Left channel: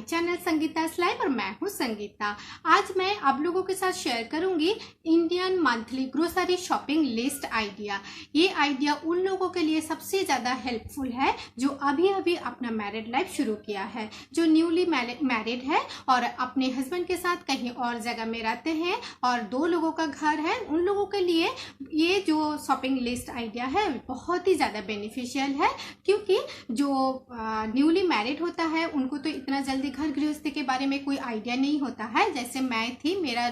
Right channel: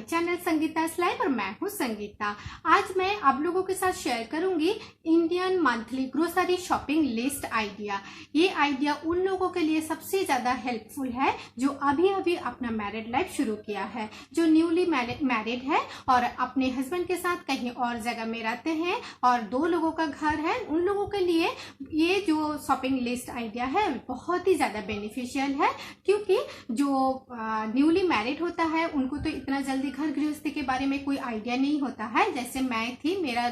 My channel Sangeeta live और मैं हूं संगीता। आज मैं आप लोगों के साथ शेयर करूंगी Indian monthly grocery shopping list idea. ये आइडिया उन लोगों के लिए सबसे ज़्यादा हेल्पफुल है जो अभी अभी अपना मैरिड लाइफ शुरू किया है, जो न्यूली मैरिड है और अपने हस्बैंड के साथ कहीं और जगह में रहते हैं और 2 लोगों का घर है। उन लोगों के लिए ये जो शॉपिंग लिस्ट आइडिया है बहुत ही ज़्यादा बेनिफिशियल है, क्योंकि जो न्यूली मैरिड होता है उनको तो इतना जल्दी घर गृहस्थी के बारे में कोई आइडिया नहीं होता है। जैसे मैं थी, मेरा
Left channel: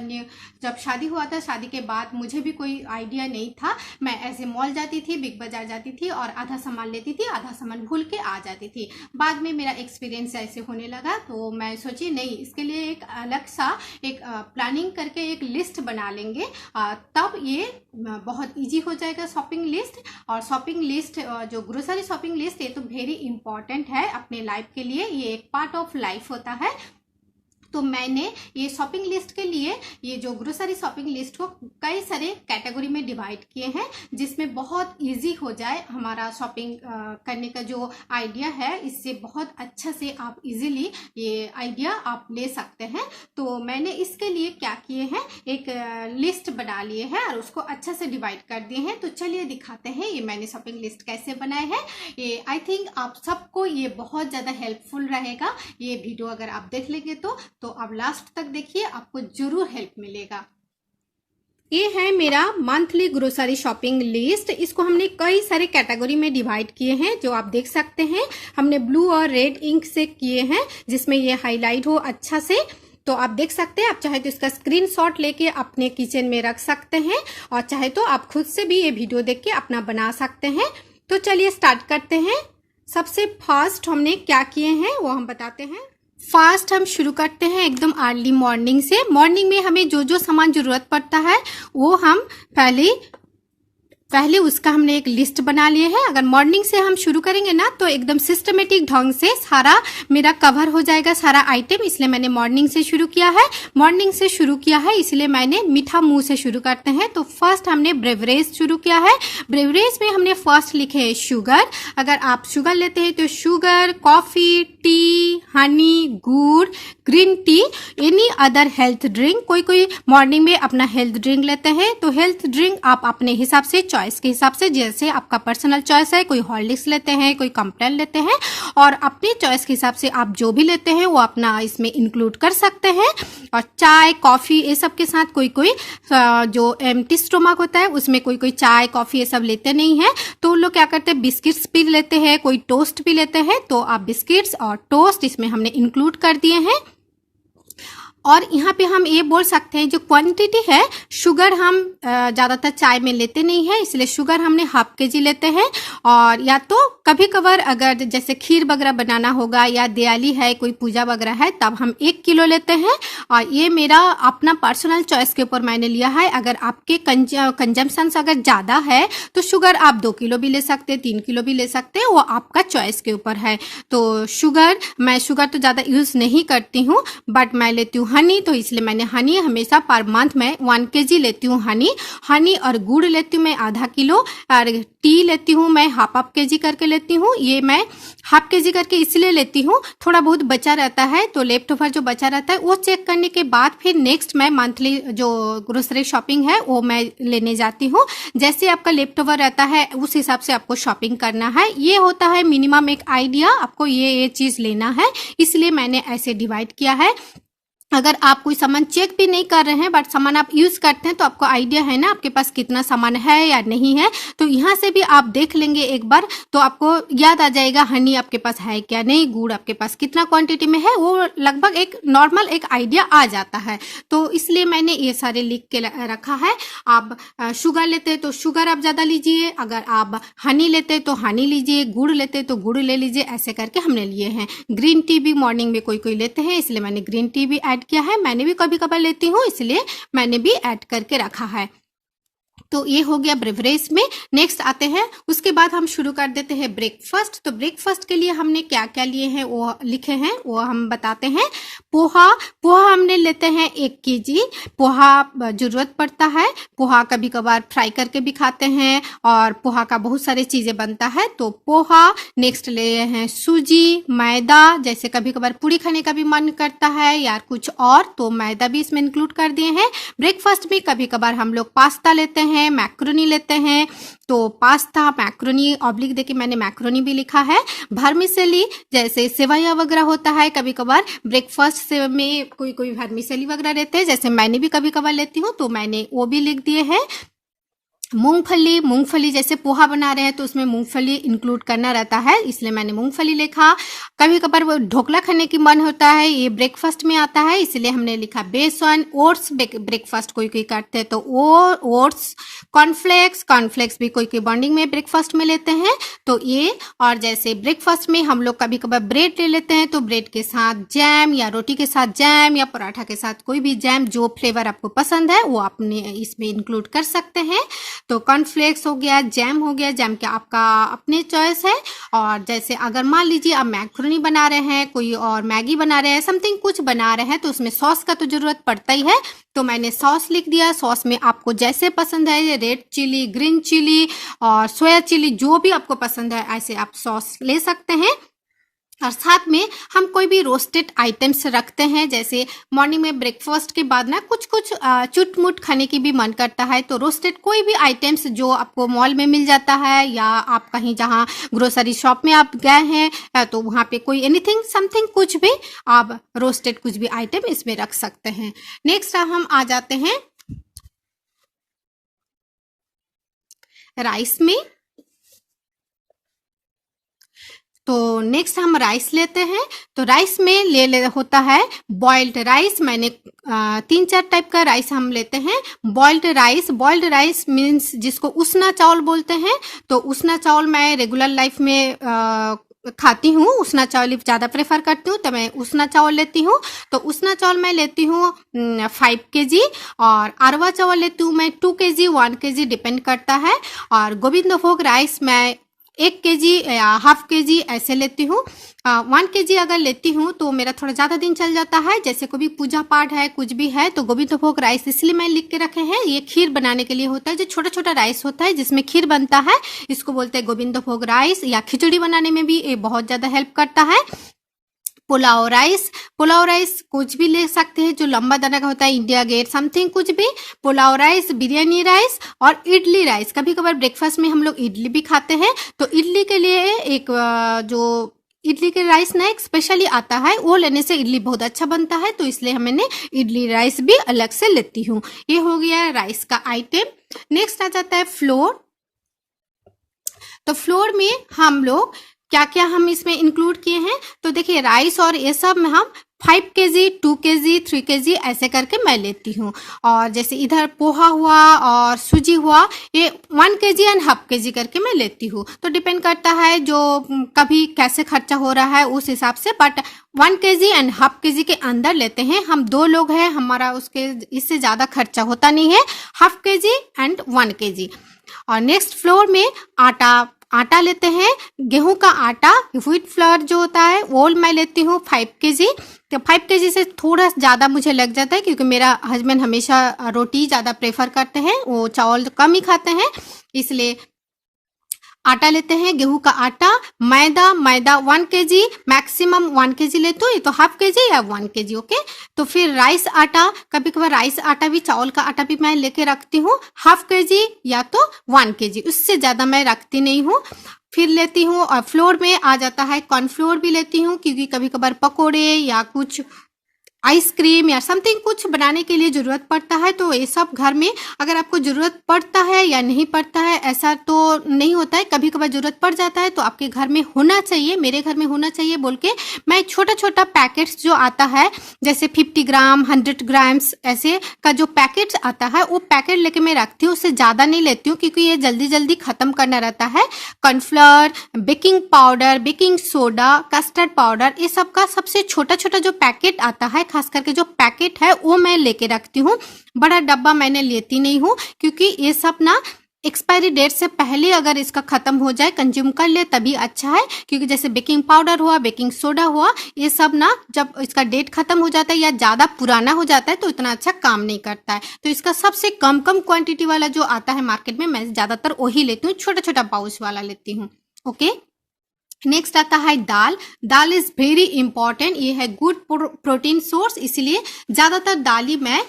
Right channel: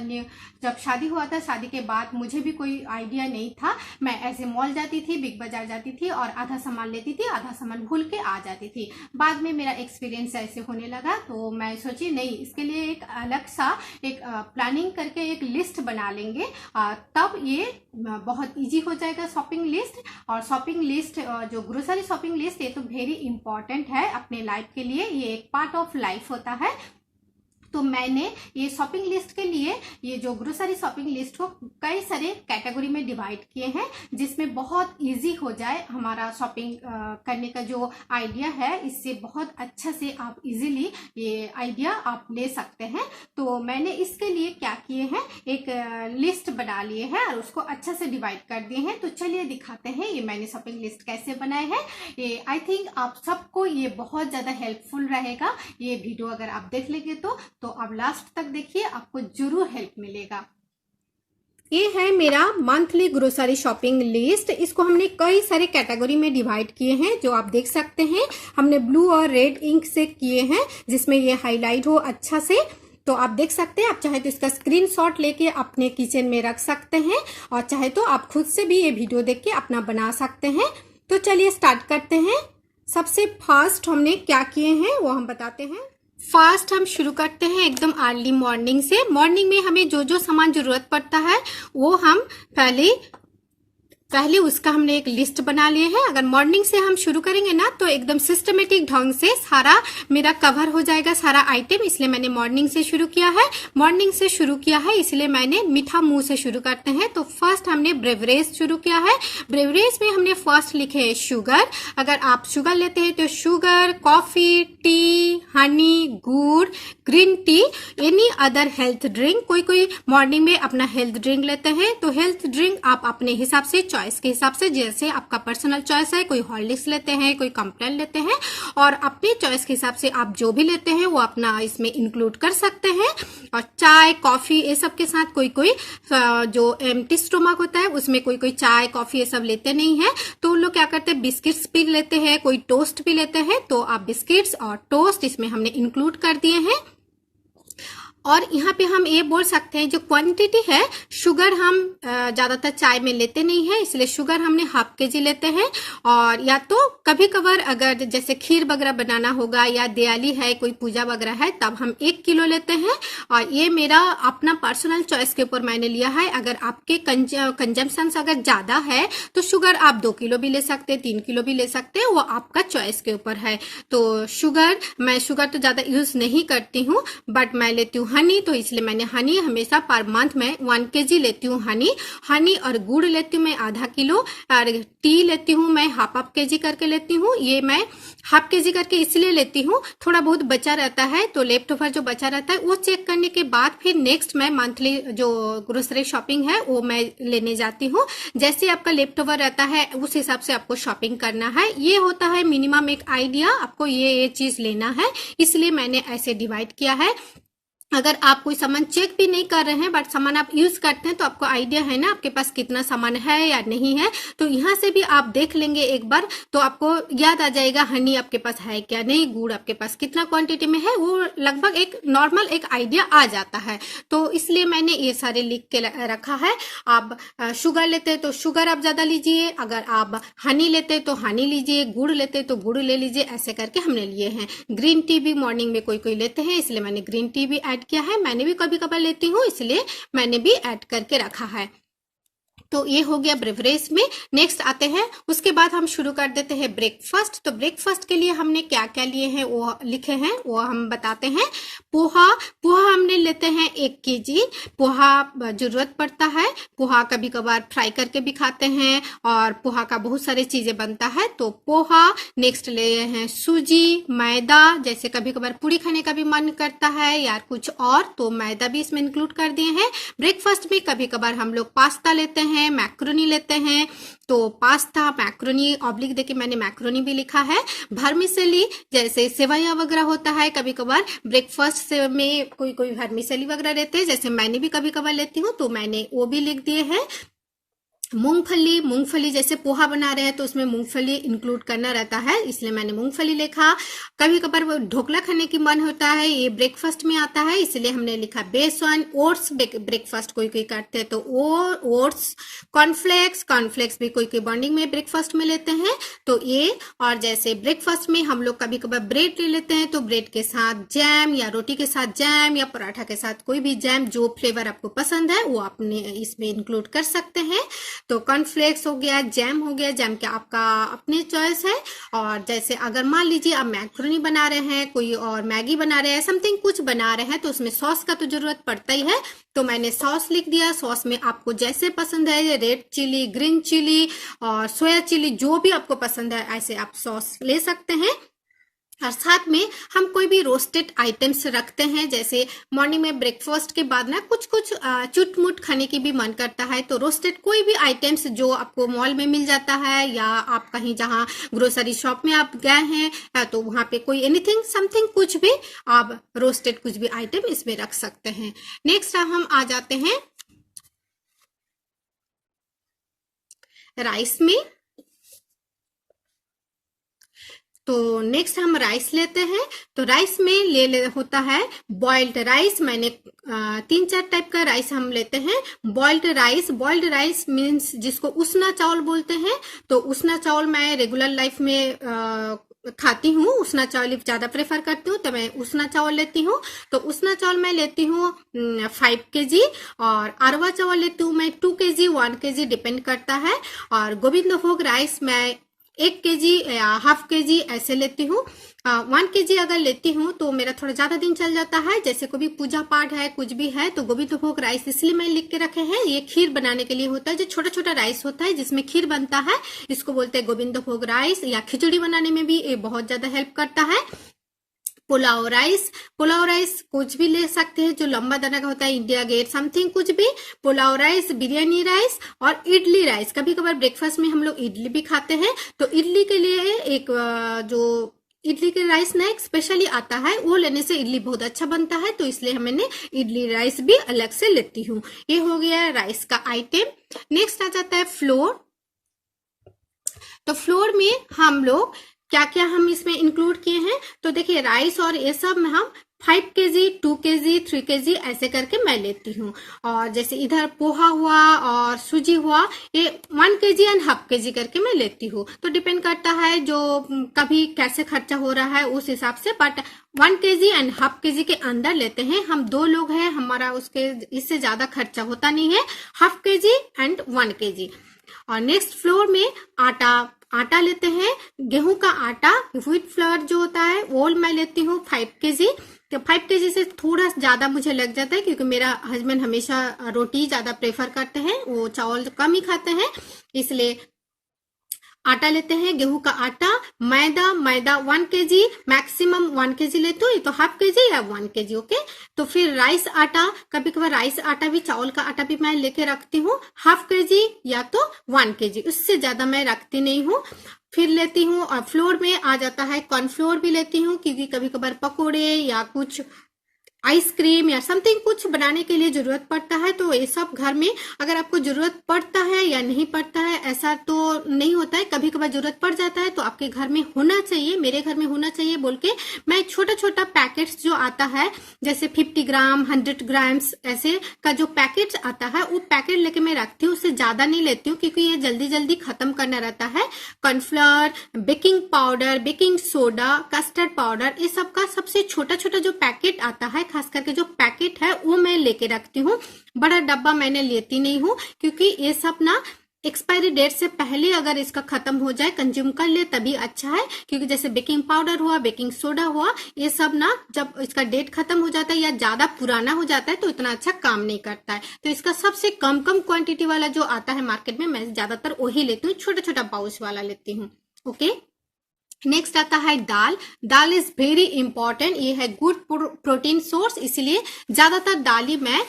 जब शादी हुआ था, शादी के बाद मुझे भी कोई आइडिया नहीं था। मैं ऐसे मॉल जाती थी, बिग बाजार जाती थी और आधा सामान लेती थी, आधा सामान भूल के आ जाती थी। बाद में मेरा एक्सपीरियंस ऐसे होने लगा तो मैं सोची नहीं, इसके लिए एक अलग सा एक प्लानिंग करके एक लिस्ट बना लेंगे, तब ये बहुत इजी हो जाएगा शॉपिंग लिस्ट। और शॉपिंग लिस्ट जो ग्रोसरी शॉपिंग लिस्ट, ये तो वेरी इंपॉर्टेंट है अपने लाइफ के लिए, ये एक पार्ट ऑफ लाइफ होता है। तो मैंने ये शॉपिंग लिस्ट के लिए ये जो ग्रोसरी शॉपिंग लिस्ट को कई सारे कैटेगरी में डिवाइड किए हैं, जिसमें बहुत इजी हो जाए हमारा शॉपिंग करने का जो आइडिया है। इससे बहुत अच्छा से आप इजीली ये आइडिया आप ले सकते हैं। तो मैंने इसके लिए क्या किए हैं, एक लिस्ट बना लिए हैं और उसको अच्छा से डिवाइड कर दिए हैं। तो चलिए दिखाते हैं ये मैंने शॉपिंग लिस्ट कैसे बनाए हैं। ये आई थिंक आप सबको ये बहुत ज़्यादा हेल्पफुल रहेगा। ये वीडियो अगर आप देख लेंगे तो आप लास्ट तक देखिए, आपको जरूर हेल्प मिलेगा। ये है मेरा मंथली ग्रोसरी शॉपिंग लिस्ट। इसको हमने कई सारे कैटेगरी में डिवाइड किए हैं, जो आप देख सकते हैं। हमने ब्लू और रेड इंक से किए हैं, जिसमें ये हाईलाइट हो अच्छा से। तो आप देख सकते हैं, आप चाहे तो इसका स्क्रीनशॉट लेके अपने किचन में रख सकते हैं और चाहे तो आप खुद से भी ये वीडियो देख के अपना बना सकते हैं। तो चलिए स्टार्ट करते हैं। सबसे फर्स्ट हमने क्या किए हैं वो हम बताते हैं। फर्स्ट हम शुरू करते हैं एकदम अर्ली मॉर्निंग से। मॉर्निंग में हमें जो जो सामान जरूरत पड़ता है वो हम पहले उसका हमने एक लिस्ट बना लिए है। अगर मॉर्निंग से हम शुरू करेंगे ना तो एकदम सिस्टमेटिक ढंग से सारा मेरा कवर हो जाएगा, सारा आइटम। इसलिए मैंने मॉर्निंग से शुरू किया है। मॉर्निंग से शुरू किया है इसलिए मैंने मीठा मुंह से शुरू करते हैं। तो फर्स्ट हमने ब्रेवरेज शुरू किया है। ब्रेवरेज में हमने फर्स्ट लिखे है शुगर। अगर आप शुगर लेते हैं तो शुगर, कॉफी, टी, हनी, गुड़, green tea, any other health drink. कोई मॉर्निंग में अपना हेल्थ ड्रिंक लेते हैं, तो हेल्थ ड्रिंक आप अपने हिसाब से, चॉइस के हिसाब से, जैसे आपका पर्सनल चॉइस है, कोई हॉर्लिक्स लेते हैं, कोई कॉम्प्लान लेते हैं, और अपनी चॉइस के हिसाब से आप जो भी लेते हैं वो अपना इसमें इंक्लूड कर सकते हैं। और चाय, कॉफी ये सब के साथ कोई जो एम्प्टी स्टोमक होता है उसमें कोई चाय, कॉफी ये सब लेते नहीं है, तो उन लोग क्या करते हैं, बिस्किट्स भी लेते हैं, कोई टोस्ट भी लेते हैं। तो आप बिस्किट्स और टोस्ट इसमें हमने इंक्लूड कर दिए हैं। और यहाँ पे हम ये बोल सकते हैं, जो क्वांटिटी है, शुगर हम ज़्यादातर चाय में लेते नहीं है, इसलिए शुगर हमने हाफ केजी लेते हैं। और या तो कभी कभार अगर जैसे खीर वगैरह बनाना होगा या दिवाली है, कोई पूजा वगैरह है, तब हम 1 किलो लेते हैं। और ये मेरा अपना पर्सनल चॉइस के ऊपर मैंने लिया है। अगर आपके कंजम्पशन अगर ज़्यादा है तो शुगर आप 2 किलो भी ले सकते हैं, 3 किलो भी ले सकते हैं, वो आपका चॉइस के ऊपर है। तो मैं शुगर तो ज़्यादा यूज़ नहीं करती हूँ, बट मैं लेती हूँ हनी, तो इसलिए मैंने हनी हमेशा पर मंथ में 1 केजी लेती हूँ। हनी और गुड़ लेती हूँ मैं आधा किलो, और टी लेती हूँ मैं हाफ केजी करके लेती हूँ। ये मैं हाफ केजी करके इसलिए लेती हूँ, थोड़ा बहुत बचा रहता है तो लेफ्ट ओवर जो बचा रहता है वो चेक करने के बाद फिर नेक्स्ट मैं मंथली जो ग्रोसरी शॉपिंग है वो मैं लेने जाती हूँ। जैसे आपका लेफ्ट ओवर रहता है उस हिसाब से आपको शॉपिंग करना है। ये होता है मिनिमम एक आइडिया, आपको ये चीज लेना है, इसलिए मैंने ऐसे डिवाइड किया है। अगर आप कोई सामान चेक भी नहीं कर रहे हैं बट सामान आप यूज करते हैं तो आपको आइडिया है ना आपके पास कितना सामान है या नहीं है, तो यहाँ से भी आप देख लेंगे एक बार तो आपको याद आ जाएगा हनी आपके पास है क्या नहीं, गुड़ आपके पास कितना क्वांटिटी में है, वो लगभग एक नॉर्मल एक आइडिया आ जाता है। तो इसलिए मैंने ये सारे लिख के रखा है। आप शुगर लेते हैं तो शुगर आप ज्यादा लीजिए, अगर आप हनी लेते हैं तो हनी लीजिए, गुड़ लेते हैं तो गुड़ ले लीजिए, ऐसे करके हमने लिए हैं। ग्रीन टी भी मॉर्निंग में कोई लेते हैं, इसलिए मैंने ग्रीन टी भी ऐड किया है। मैंने भी कभी कभार लेती हूँ, इसलिए मैंने भी ऐड करके रखा है। तो ये हो गया ब्रेवरेज में। नेक्स्ट आते हैं, उसके बाद हम शुरू कर देते हैं ब्रेकफास्ट। तो ब्रेकफास्ट के लिए हमने क्या क्या लिए हैं वो लिखे हैं, वो हम बताते हैं। पोहा, पोहा हमने लेते हैं 1 केजी। पोहा जरूरत पड़ता है, पोहा कभी कभार फ्राई करके भी खाते हैं और पोहा का बहुत सारी चीजें बनता है, तो पोहा। नेक्स्ट ले हैं सूजी, मैदा, जैसे कभी कभार पूरी खाने का भी मन करता है या कुछ और, तो मैदा भी इसमें इंक्लूड कर दिए हैं। ब्रेकफास्ट में कभी कभार हम लोग पास्ता लेते हैं, मैक्रोनी लेते हैं, तो पास्ता, मैक्रोनी, ऑब्लिक देके मैंने मैक्रोनी भी लिखा है। वर्मिसेली, जैसे सेवैया वगैरह होता है, कभी कभार ब्रेकफास्ट से में कोई कोई वर्मिसेली वगैरह रहते हैं, जैसे मैंने भी कभी कभार लेती हूँ, तो मैंने वो भी लिख दिए हैं। मूंगफली, मूंगफली जैसे पोहा बना रहे हैं तो उसमें मूंगफली इंक्लूड करना रहता है, इसलिए मैंने मूंगफली लिखा। कभी कभार वो ढोकला खाने की मन होता है, ये ब्रेकफास्ट में आता है, इसलिए हमने लिखा बेसन। ओट्स ब्रेकफास्ट कोई कोई करते हैं, तो ओट्स। कॉर्नफ्लेक्स, कॉर्नफ्लेक्स भी कोई कोई बॉन्डिंग में ब्रेकफास्ट में लेते हैं, तो ये। और जैसे ब्रेकफास्ट में हम लोग कभी कभार ब्रेड ले लेते हैं, तो ब्रेड के साथ जैम या रोटी के साथ जैम या पराठा के साथ कोई भी जैम, जो फ्लेवर आपको पसंद है वो आपने इसमें इंक्लूड कर सकते हैं। तो कॉर्नफ्लेक्स हो गया, जैम हो गया, जैम क्या आपका अपने चॉइस है। और जैसे अगर मान लीजिए आप मैक्रोनी बना रहे हैं, कोई और मैगी बना रहे हैं, समथिंग कुछ बना रहे हैं, तो उसमें सॉस का तो जरूरत पड़ता ही है, तो मैंने सॉस लिख दिया। सॉस में आपको जैसे पसंद है, रेड चिली, ग्रीन चिली और सोया चिली, जो भी आपको पसंद है ऐसे आप सॉस ले सकते हैं। और साथ में हम कोई भी रोस्टेड आइटम्स रखते हैं, जैसे मॉर्निंग में ब्रेकफास्ट के बाद ना कुछ कुछ चुटमुट खाने की भी मन करता है, तो रोस्टेड कोई भी आइटम्स जो आपको मॉल में मिल जाता है या आप कहीं जहाँ ग्रोसरी शॉप में आप गए हैं तो वहाँ पे कोई एनीथिंग समथिंग कुछ भी आप रोस्टेड कुछ भी आइटम इसमें रख सकते हैं। नेक्स्ट हम आ जाते हैं राइस में। तो नेक्स्ट हम राइस लेते हैं, तो राइस में ले होता है बॉइल्ड राइस। मैंने 3-4 टाइप का राइस हम लेते हैं। बॉइल्ड राइस मीन्स जिसको उसना चावल बोलते हैं, तो उसना चावल मैं रेगुलर लाइफ में खाती हूँ, उसना चावल ज़्यादा प्रेफर करती हूँ, तो मैं उसना चावल लेती हूँ। तो उसना चावल मैं लेती हूँ 5 kg, और अरवा चावल लेती हूँ मैं 2 kg, 1 kg डिपेंड करता है। और गोविंद भोग राइस मैं 1 kg या हाफ kg ऐसे लेती हूँ। 1 kg अगर लेती हूँ तो मेरा थोड़ा ज़्यादा दिन चल जाता है, जैसे कोई भी पूजा पाठ है, कुछ भी है, तो गोविंद भोग राइस इसलिए मैं लिख के रखे हैं। ये खीर बनाने के लिए होता है, जो छोटा छोटा राइस होता है जिसमें खीर बनता है, इसको बोलते हैं गोविंद भोग राइस। या खिचड़ी बनाने में भी ये बहुत ज़्यादा हेल्प करता है। पुलाव राइस कुछ भी ले सकते हैं, जो लंबा दाना का होता है, इंडिया गेट समथिंग कुछ भी। पुलाव राइस, बिरयानी राइस और इडली राइस। कभी कभार ब्रेकफास्ट में हम लोग इडली भी खाते हैं, तो इडली के लिए एक जो इडली के राइस ना एक स्पेशली आता है, वो लेने से इडली बहुत अच्छा बनता है, तो इसलिए मैंने इडली राइस भी अलग से लेती हूँ। ये हो गया राइस का आइटम। नेक्स्ट आ जाता है फ्लोर। तो फ्लोर में हम लोग क्या क्या हम इसमें इंक्लूड किए हैं, तो देखिए राइस और ये सब में हम 5 kg, 2 kg, 3 kg ऐसे करके मैं लेती हूँ। और जैसे इधर पोहा हुआ और सूजी हुआ, ये 1 kg एंड हाफ kg करके मैं लेती हूँ। तो डिपेंड करता है जो कभी कैसे खर्चा हो रहा है उस हिसाब से, but 1 kg and half kg के अंदर लेते हैं। हम 2 लोग हैं, हमारा उसके इससे ज़्यादा खर्चा होता नहीं है। Half kg and 1 kg। और नेक्स्ट फ्लोर में आटा लेते हैं, गेहूं का आटा, व्हीट फ्लोर जो होता है वो मैं लेती हूँ 5 kg। तो 5 kg से थोड़ा ज़्यादा मुझे लग जाता है, क्योंकि मेरा हस्बैंड हमेशा रोटी ज़्यादा प्रेफर करते हैं, वो चावल कम ही खाते हैं, इसलिए आटा लेते हैं, गेहूं का आटा। मैदा 1 kg, मैक्सिमम 1 kg लेते हो, ये तो हाफ kg या 1 kg, ओके। तो फिर राइस आटा, कभी कभार राइस आटा भी, चावल का आटा भी मैं लेके रखती हूँ, हाफ kg या तो 1 kg, उससे ज़्यादा मैं रखती नहीं हूँ। फिर लेती हूँ, और फ्लोर में आ जाता है कॉर्नफ्लोर भी लेती हूँ, क्योंकि कभी कभार पकोड़े या कुछ आइसक्रीम या समथिंग कुछ बनाने के लिए जरूरत पड़ता है, तो ये सब घर में अगर आपको जरूरत पड़ता है या नहीं पड़ता है ऐसा तो नहीं होता है, कभी कभार जरूरत पड़ जाता है, तो आपके घर में होना चाहिए, मेरे घर में होना चाहिए बोल के मैं छोटा छोटा पैकेट्स जो आता है, जैसे 50 ग्राम, 100 ग्राम्स ऐसे का जो पैकेट्स आता है, वो पैकेट लेके मैं रखती हूँ। उससे ज़्यादा नहीं लेती हूँ, क्योंकि ये जल्दी जल्दी ख़त्म करना रहता है। Cornflour, baking powder, baking soda, custard powder, ये सब का सबसे छोटा छोटा जो पैकेट आता है खास करके जो पैकेट है वो मैं लेके रखती हूँ। बड़ा डब्बा मैंने लेती नहीं हूँ, क्योंकि ये सब ना एक्सपायरी डेट से पहले अगर इसका खत्म हो जाए, कंज्यूम कर ले तभी अच्छा है। क्योंकि जैसे बेकिंग पाउडर हुआ, बेकिंग सोडा हुआ, ये सब ना जब इसका डेट खत्म हो जाता है या ज्यादा पुराना हो जाता है तो इतना अच्छा काम नहीं करता है। तो इसका सबसे कम क्वांटिटी वाला जो आता है मार्केट में, मैं ज्यादातर वही लेती हूँ, छोटा छोटा पाउच वाला लेती हूँ। ओके, नेक्स्ट आता है दाल। दाल इज वेरी इंपॉर्टेंट, ये है गुड प्रोटीन सोर्स, इसलिए ज्यादातर दाल ही मैं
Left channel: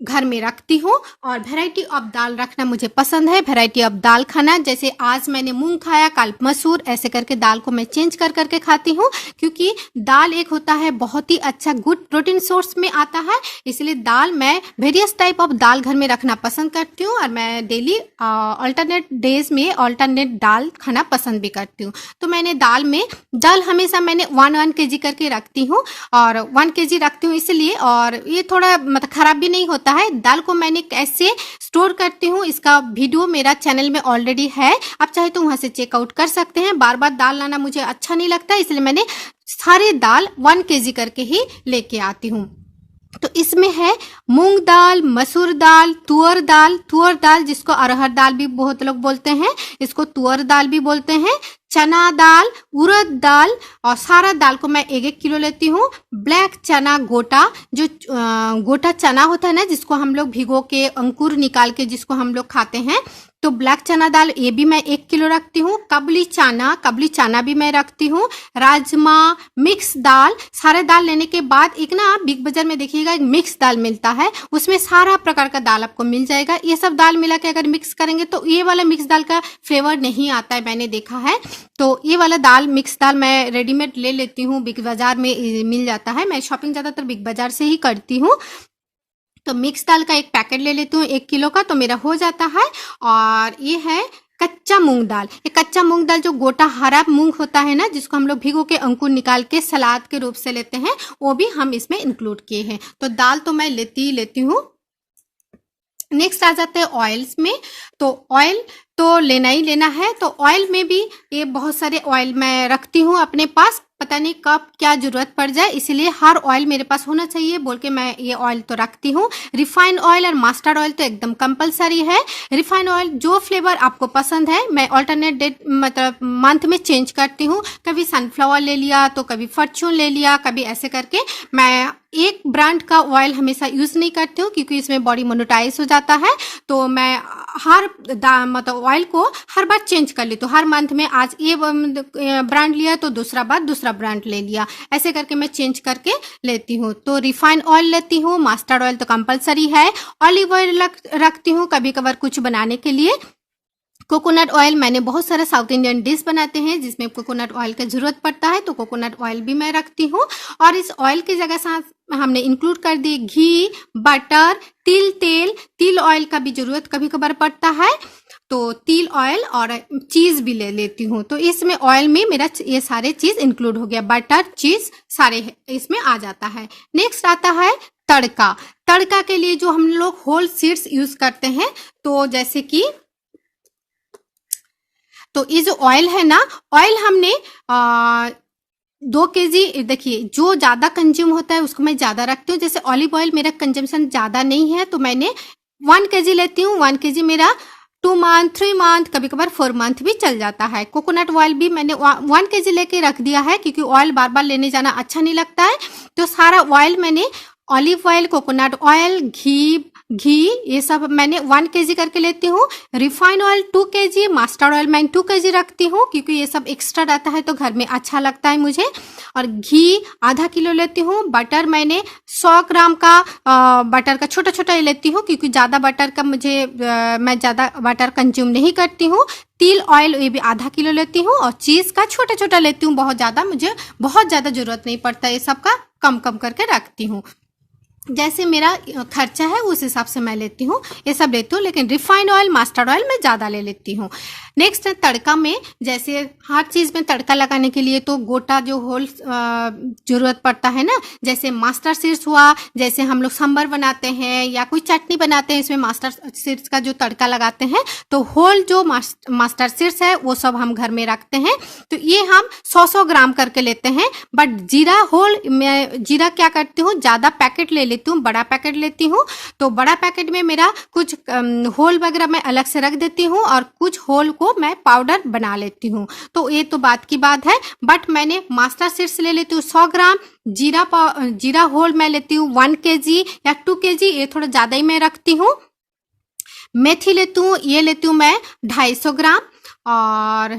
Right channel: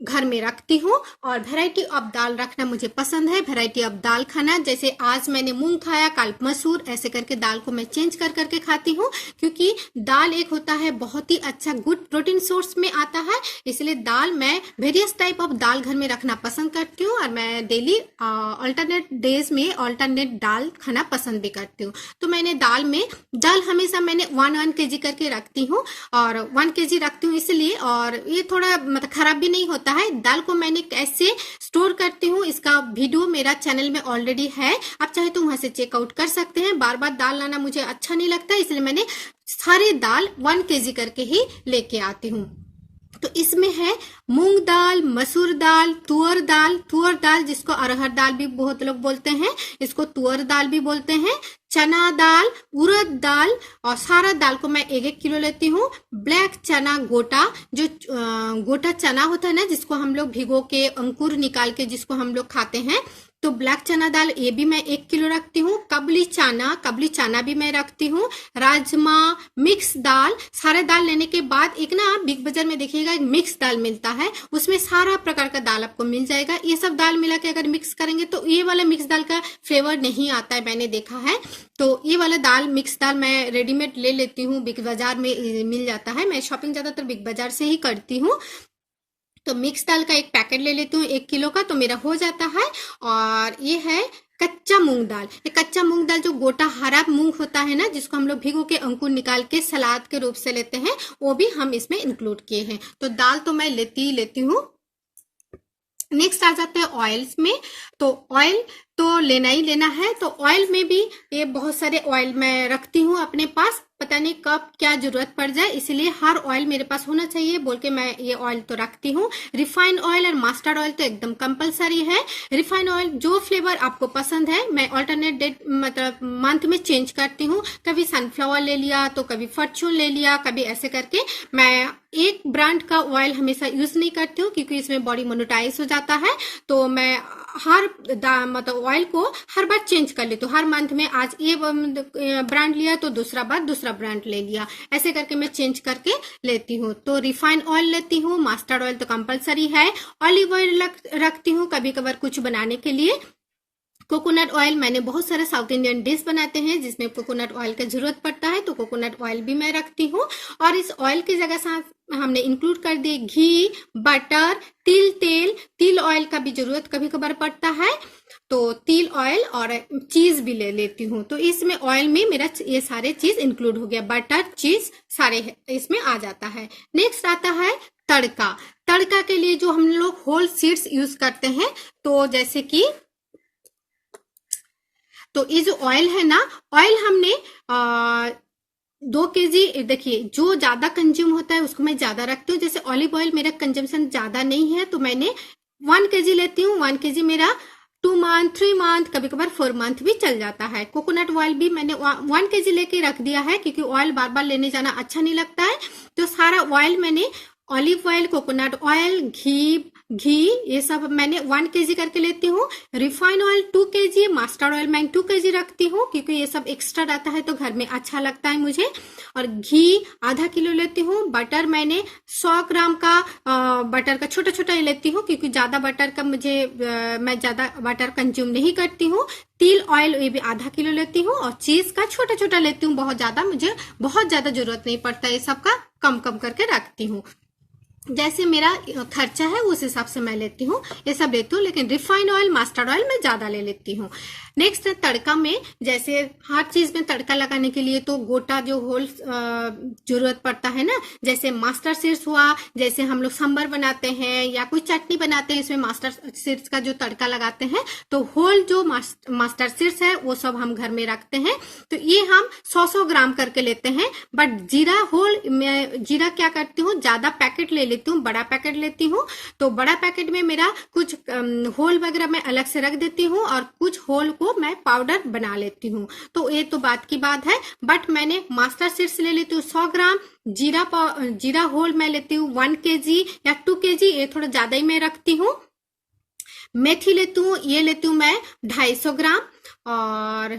घर में रखती हूँ। और वैरायटी ऑफ दाल रखना मुझे पसंद है, वैरायटी ऑफ दाल खाना। जैसे आज मैंने मूंग खाया, कल मसूर, ऐसे करके दाल को मैं चेंज कर करके खाती हूँ, क्योंकि दाल एक होता है बहुत ही अच्छा गुड प्रोटीन सोर्स में आता है। इसलिए दाल मैं वेरियस टाइप ऑफ दाल घर में रखना पसंद करती हूँ, और मैं डेली अल्टरनेट डेज में अल्टरनेट दाल खाना पसंद भी करती हूँ। तो मैंने दाल हमेशा मैंने 1 kg करके रखती हूँ, और 1 kg रखती हूँ इसलिए, और ये थोड़ा मतलब खराब भी नहीं होता है। दाल को मैंने कैसे स्टोर करती हूँ इसका वीडियो मेरा चैनल में ऑलरेडी है, आप चाहे तो वहां से चेकआउट कर सकते हैं। बार बार दाल लाना मुझे अच्छा नहीं लगता, इसलिए मैंने सारे दाल 1 kg करके ही लेके आती हूँ। तो इसमें है मूंग दाल, मसूर दाल, तुअर दाल जिसको अरहर दाल भी बहुत लोग बोलते हैं, इसको तुअर दाल भी बोलते हैं, चना दाल, उड़द दाल, और सारा दाल को मैं 1-1 किलो लेती हूँ। ब्लैक चना गोटा, जो गोटा चना होता है ना, जिसको हम लोग भिगो के अंकुर निकाल के जिसको हम लोग खाते हैं, तो ब्लैक चना दाल ये भी मैं 1 किलो रखती हूँ। कबली चना भी मैं रखती हूँ। राजमा, मिक्स दाल, सारे दाल लेने के बाद एक ना बिग बाजार में देखिएगा एक मिक्स दाल मिलता है, उसमें सारा प्रकार का दाल आपको मिल जाएगा। ये सब दाल मिला के अगर मिक्स करेंगे तो ये वाला मिक्स दाल का फ्लेवर नहीं आता है, मैंने देखा है। तो ये वाला दाल, मिक्स दाल मैं रेडीमेड ले लेती हूँ, बिग बाजार में मिल जाता है। मैं शॉपिंग ज्यादातर बिग बाजार से ही करती हूँ। तो मिक्स दाल का एक पैकेट ले लेती हूँ 1 किलो का, तो मेरा हो जाता है। और ये है कच्चा मूंग दाल। ये कच्चा मूंग दाल जो गोटा हरा मूंग होता है ना, जिसको हम लोग भिगो के अंकुर निकाल के सलाद के रूप से लेते हैं, वो भी हम इसमें इंक्लूड किए हैं। तो दाल तो मैं लेती हूँ। नेक्स्ट आ जाते हैं ऑयल्स में। तो ऑयल तो लेना ही लेना है, तो ऑयल में भी ये बहुत सारे ऑयल मैं रखती हूँ अपने पास, पता नहीं कब क्या जरूरत पड़ जाए, इसलिए हर ऑयल मेरे पास होना चाहिए बोल के मैं ये ऑयल तो रखती हूँ। रिफाइंड ऑयल और मस्टर्ड ऑयल तो एकदम कंपलसरी है। रिफाइंड ऑयल जो फ्लेवर आपको पसंद है, मैं ऑल्टरनेट डेट मतलब मंथ में चेंज करती हूँ। कभी सनफ्लावर ले लिया, तो कभी फॉर्च्यून ले लिया, कभी ऐसे करके। मैं एक ब्रांड का ऑयल हमेशा यूज नहीं करती हूँ, क्योंकि इसमें बॉडी मोनोटाइज हो जाता है। तो मैं हर मतलब ऑयल को हर बार चेंज कर लेती हूँ। हर मंथ में आज ये ब्रांड लिया तो दूसरा बार दूसरा ब्रांड ले लिया, ऐसे करके मैं चेंज करके लेती हूँ। तो रिफाइंड ऑयल लेती हूँ, मस्टर्ड ऑयल तो कंपलसरी है। ऑलिव ऑयल रखती हूँ कभी कभार कुछ बनाने के लिए। कोकोनट ऑयल, मैंने बहुत सारा साउथ इंडियन डिश बनाते हैं जिसमें कोकोनट ऑयल की जरूरत पड़ता है, तो कोकोनट ऑयल भी मैं रखती हूँ। और इस ऑयल की जगह साथ हमने इंक्लूड कर दी घी, बटर, तिल ऑयल का भी जरूरत कभी कभार पड़ता है, तो तिल ऑयल और चीज भी ले लेती हूँ। तो इसमें ऑयल में मेरा ये सारे चीज इंक्लूड हो गया, बटर, चीज सारे इसमें आ जाता है। नेक्स्ट आता है तड़का के लिए जो हम लोग होल सीड्स यूज करते हैं, तो जैसे कि तो ये जो ऑयल है ना, ऑयल हमने 2 kg, देखिए जो ज्यादा कंज्यूम होता है उसको मैं ज्यादा रखती हूँ। जैसे ऑलिव ऑयल मेरा कंजम्पशन ज्यादा नहीं है, तो मैंने 1 kg लेती हूँ। 1 kg मेरा 2 मंथ, 3 मंथ, कभी कभार 4 मंथ भी चल जाता है। कोकोनट ऑयल भी मैंने 1 kg लेके रख दिया है, क्योंकि ऑयल बार बार लेने जाना अच्छा नहीं लगता है। तो सारा ऑयल मैंने ऑलिव ऑयल, कोकोनट ऑयल, घी ये सब मैंने 1 kg करके लेती हूँ। Refined oil 2 kg, mustard oil मैं 2 kg रखती हूँ, क्योंकि ये सब एक्स्ट्रा रहता है तो घर में अच्छा लगता है मुझे। और घी आधा किलो लेती हूँ। बटर मैंने 100 ग्राम का बटर का छोटा छोटा लेती हूँ, क्योंकि ज्यादा बटर का मैं ज्यादा बटर कंज्यूम नहीं करती हूँ। तिल ऑयल ये भी आधा किलो लेती हूँ। और चीज का छोटा छोटा लेती हूँ, मुझे बहुत ज्यादा जरूरत नहीं पड़ता, ये सब का कम करके रखती हूँ। जैसे मेरा खर्चा है उस हिसाब से मैं लेती हूँ, ये सब लेती हूँ। लेकिन रिफाइंड ऑयल, मस्टर्ड ऑयल मैं ज़्यादा ले लेती हूँ। नेक्स्ट है तड़का में, जैसे हर चीज़ में तड़का लगाने के लिए तो गोटा जो होल ज़रूरत पड़ता है ना, जैसे मास्टर सीड्स हुआ, जैसे हम लोग सांभर बनाते हैं या कोई चटनी बनाते हैं, इसमें मास्टर सीड्स का जो तड़का लगाते हैं, तो होल जो मास्टर सीड्स है वो सब हम घर में रखते हैं। तो ये हम 100-100 ग्राम करके लेते हैं। बट जीरा होल, मैं जीरा क्या करती हूँ, ज़्यादा पैकेट ले लेती हूँ, बड़ा पैकेट लेती हूँ। तो बड़ा पैकेट में मेरा कुछ होल वगैरह मैं अलग से रख देती हूँ और कुछ होल को मैं पाउडर बना लेती हूँ। तो ये तो बात की बात है। बट मैंने मास्टर सीड्स ले लेती हूँ 100 ग्राम, जीरा होल मैं लेती हूँ 1 kg या 2 kg, ये थोड़ा ज़्यादा ही मैं रखती हूँ। मेथी लेती हूँ, ये लेती हूँ मैं 250 ग्राम। और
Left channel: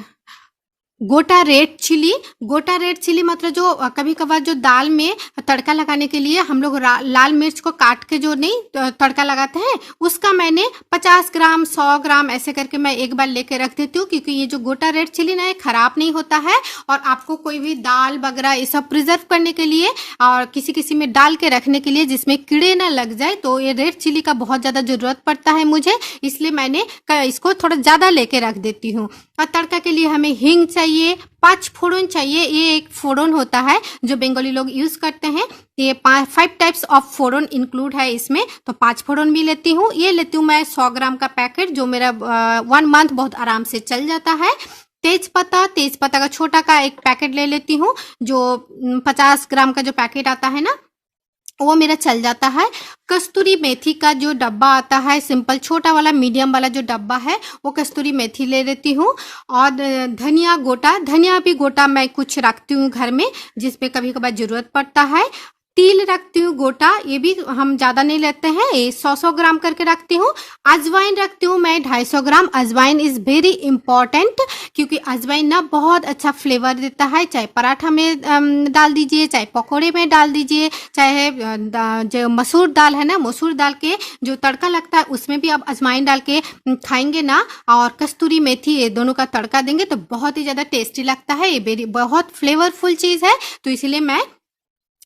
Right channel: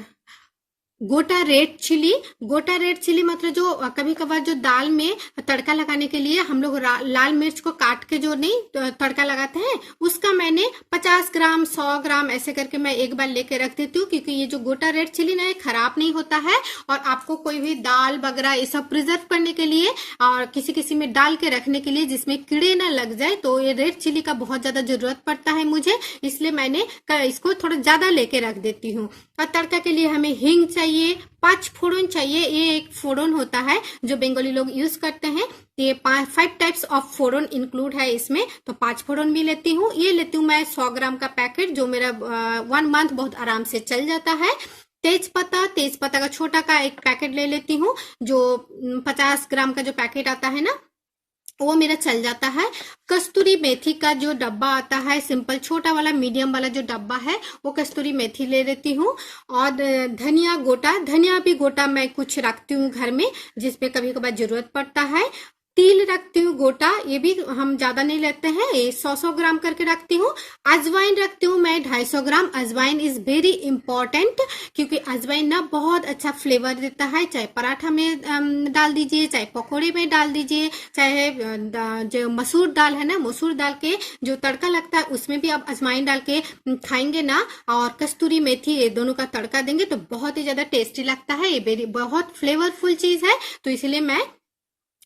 गोटा रेड चिली मतलब जो कभी कभार जो दाल में तड़का लगाने के लिए हम लोग लाल मिर्च को काट के जो नहीं तड़का लगाते हैं, उसका मैंने 50 ग्राम 100 ग्राम ऐसे करके मैं एक बार लेके रख देती हूँ। क्योंकि ये जो गोटा रेड चिली ना, ये खराब नहीं होता है और आपको कोई भी दाल वगैरह ये सब प्रिजर्व करने के लिए और किसी किसी में डाल के रखने के लिए जिसमें कीड़े ना लग जाए, तो ये रेड चिली का बहुत ज्यादा जरूरत पड़ता है मुझे, इसलिए मैंने इसको थोड़ा ज्यादा लेके रख देती हूँ। और तड़का के लिए हमें हींग चाहिए, 5 फोड़न चाहिए। ये एक फोड़न होता है जो बंगाली लोग यूज करते हैं। ये 5 टाइप्स ऑफ फोड़न इंक्लूड है इसमें, तो 5 फोड़न भी लेती हूँ। ये लेती हूँ मैं 100 ग्राम का पैकेट, जो मेरा 1 मंथ बहुत आराम से चल जाता है। तेजपत्ता का छोटा का एक पैकेट ले लेती हूँ, जो 50 ग्राम का जो पैकेट आता है ना, वो मेरा चल जाता है। कस्तूरी मेथी का जो डब्बा आता है, सिंपल छोटा वाला मीडियम वाला जो डब्बा है, वो कस्तूरी मेथी ले लेती हूँ। और धनिया भी गोटा मैं कुछ रखती हूँ घर में, जिसपे कभी कभार जरूरत पड़ता है। तिल रखती हूँ गोटा, ये भी हम ज्यादा नहीं लेते हैं, ये 100-100 ग्राम करके रखती हूँ। अजवाइन रखती हूँ मैं 250 ग्राम। अजवाइन इज वेरी इंपॉर्टेंट, क्योंकि अजवाइन ना बहुत अच्छा फ्लेवर देता है। चाहे पराठा में डाल दीजिए, चाहे पकोड़े में डाल दीजिए, चाहे जो मसूर दाल है ना, मसूर दाल के जो तड़का लगता है उसमें भी आप अजवाइन डाल के खाएंगे ना, और कस्तूरी मेथी, ये दोनों का तड़का देंगे तो बहुत ही ज्यादा टेस्टी लगता है। ये बहुत फ्लेवरफुल चीज है, तो इसलिए मैं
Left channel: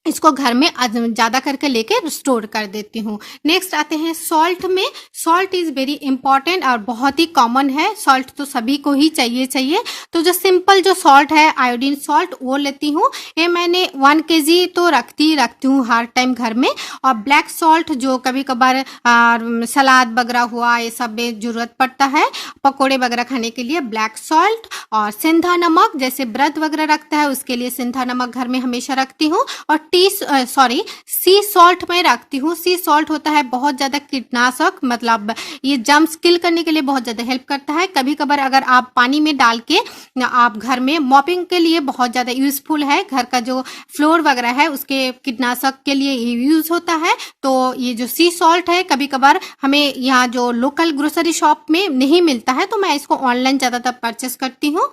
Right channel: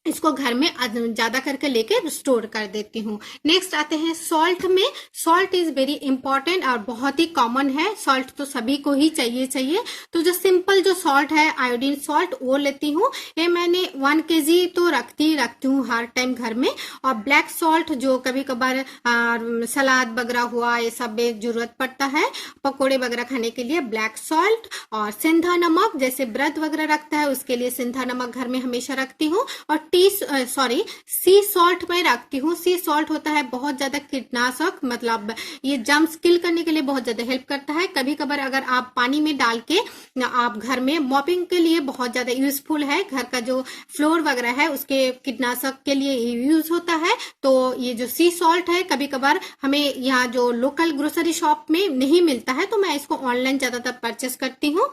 इसको घर में ज्यादा करके लेके स्टोर कर देती हूँ। नेक्स्ट आते हैं सॉल्ट में। सॉल्ट इज वेरी इंपॉर्टेंट और बहुत ही कॉमन है, सॉल्ट तो सभी को ही चाहिए। तो जो सिंपल जो सॉल्ट है, आयोडीन सॉल्ट, वो लेती हूँ। ये मैंने 1 kg तो रखती हूँ हर टाइम घर में। और ब्लैक सॉल्ट जो कभी कभार सलाद वगैरह हुआ, ये सब में जरूरत पड़ता है, पकोड़े वगैरह खाने के लिए ब्लैक सॉल्ट। और सिंधा नमक, जैसे व्रत वगैरह रखता है उसके लिए सिंधा नमक घर में हमेशा रखती हूँ। और सी सॉल्ट में रखती हूँ। सी सॉल्ट होता है बहुत ज्यादा कीटनाशक, मतलब ये जर्म्स किल करने के लिए बहुत ज्यादा हेल्प करता है। कभी कभार अगर आप पानी में डाल के आप घर में मॉपिंग के लिए बहुत ज्यादा यूजफुल है, घर का जो फ्लोर वगैरह है उसके कीटनाशक के लिए यूज होता है। तो ये जो सी सॉल्ट है, कभी कभार हमें यहाँ जो लोकल ग्रोसरी शॉप में नहीं मिलता है, तो मैं इसको ऑनलाइन ज्यादातर परचेस करती हूँ।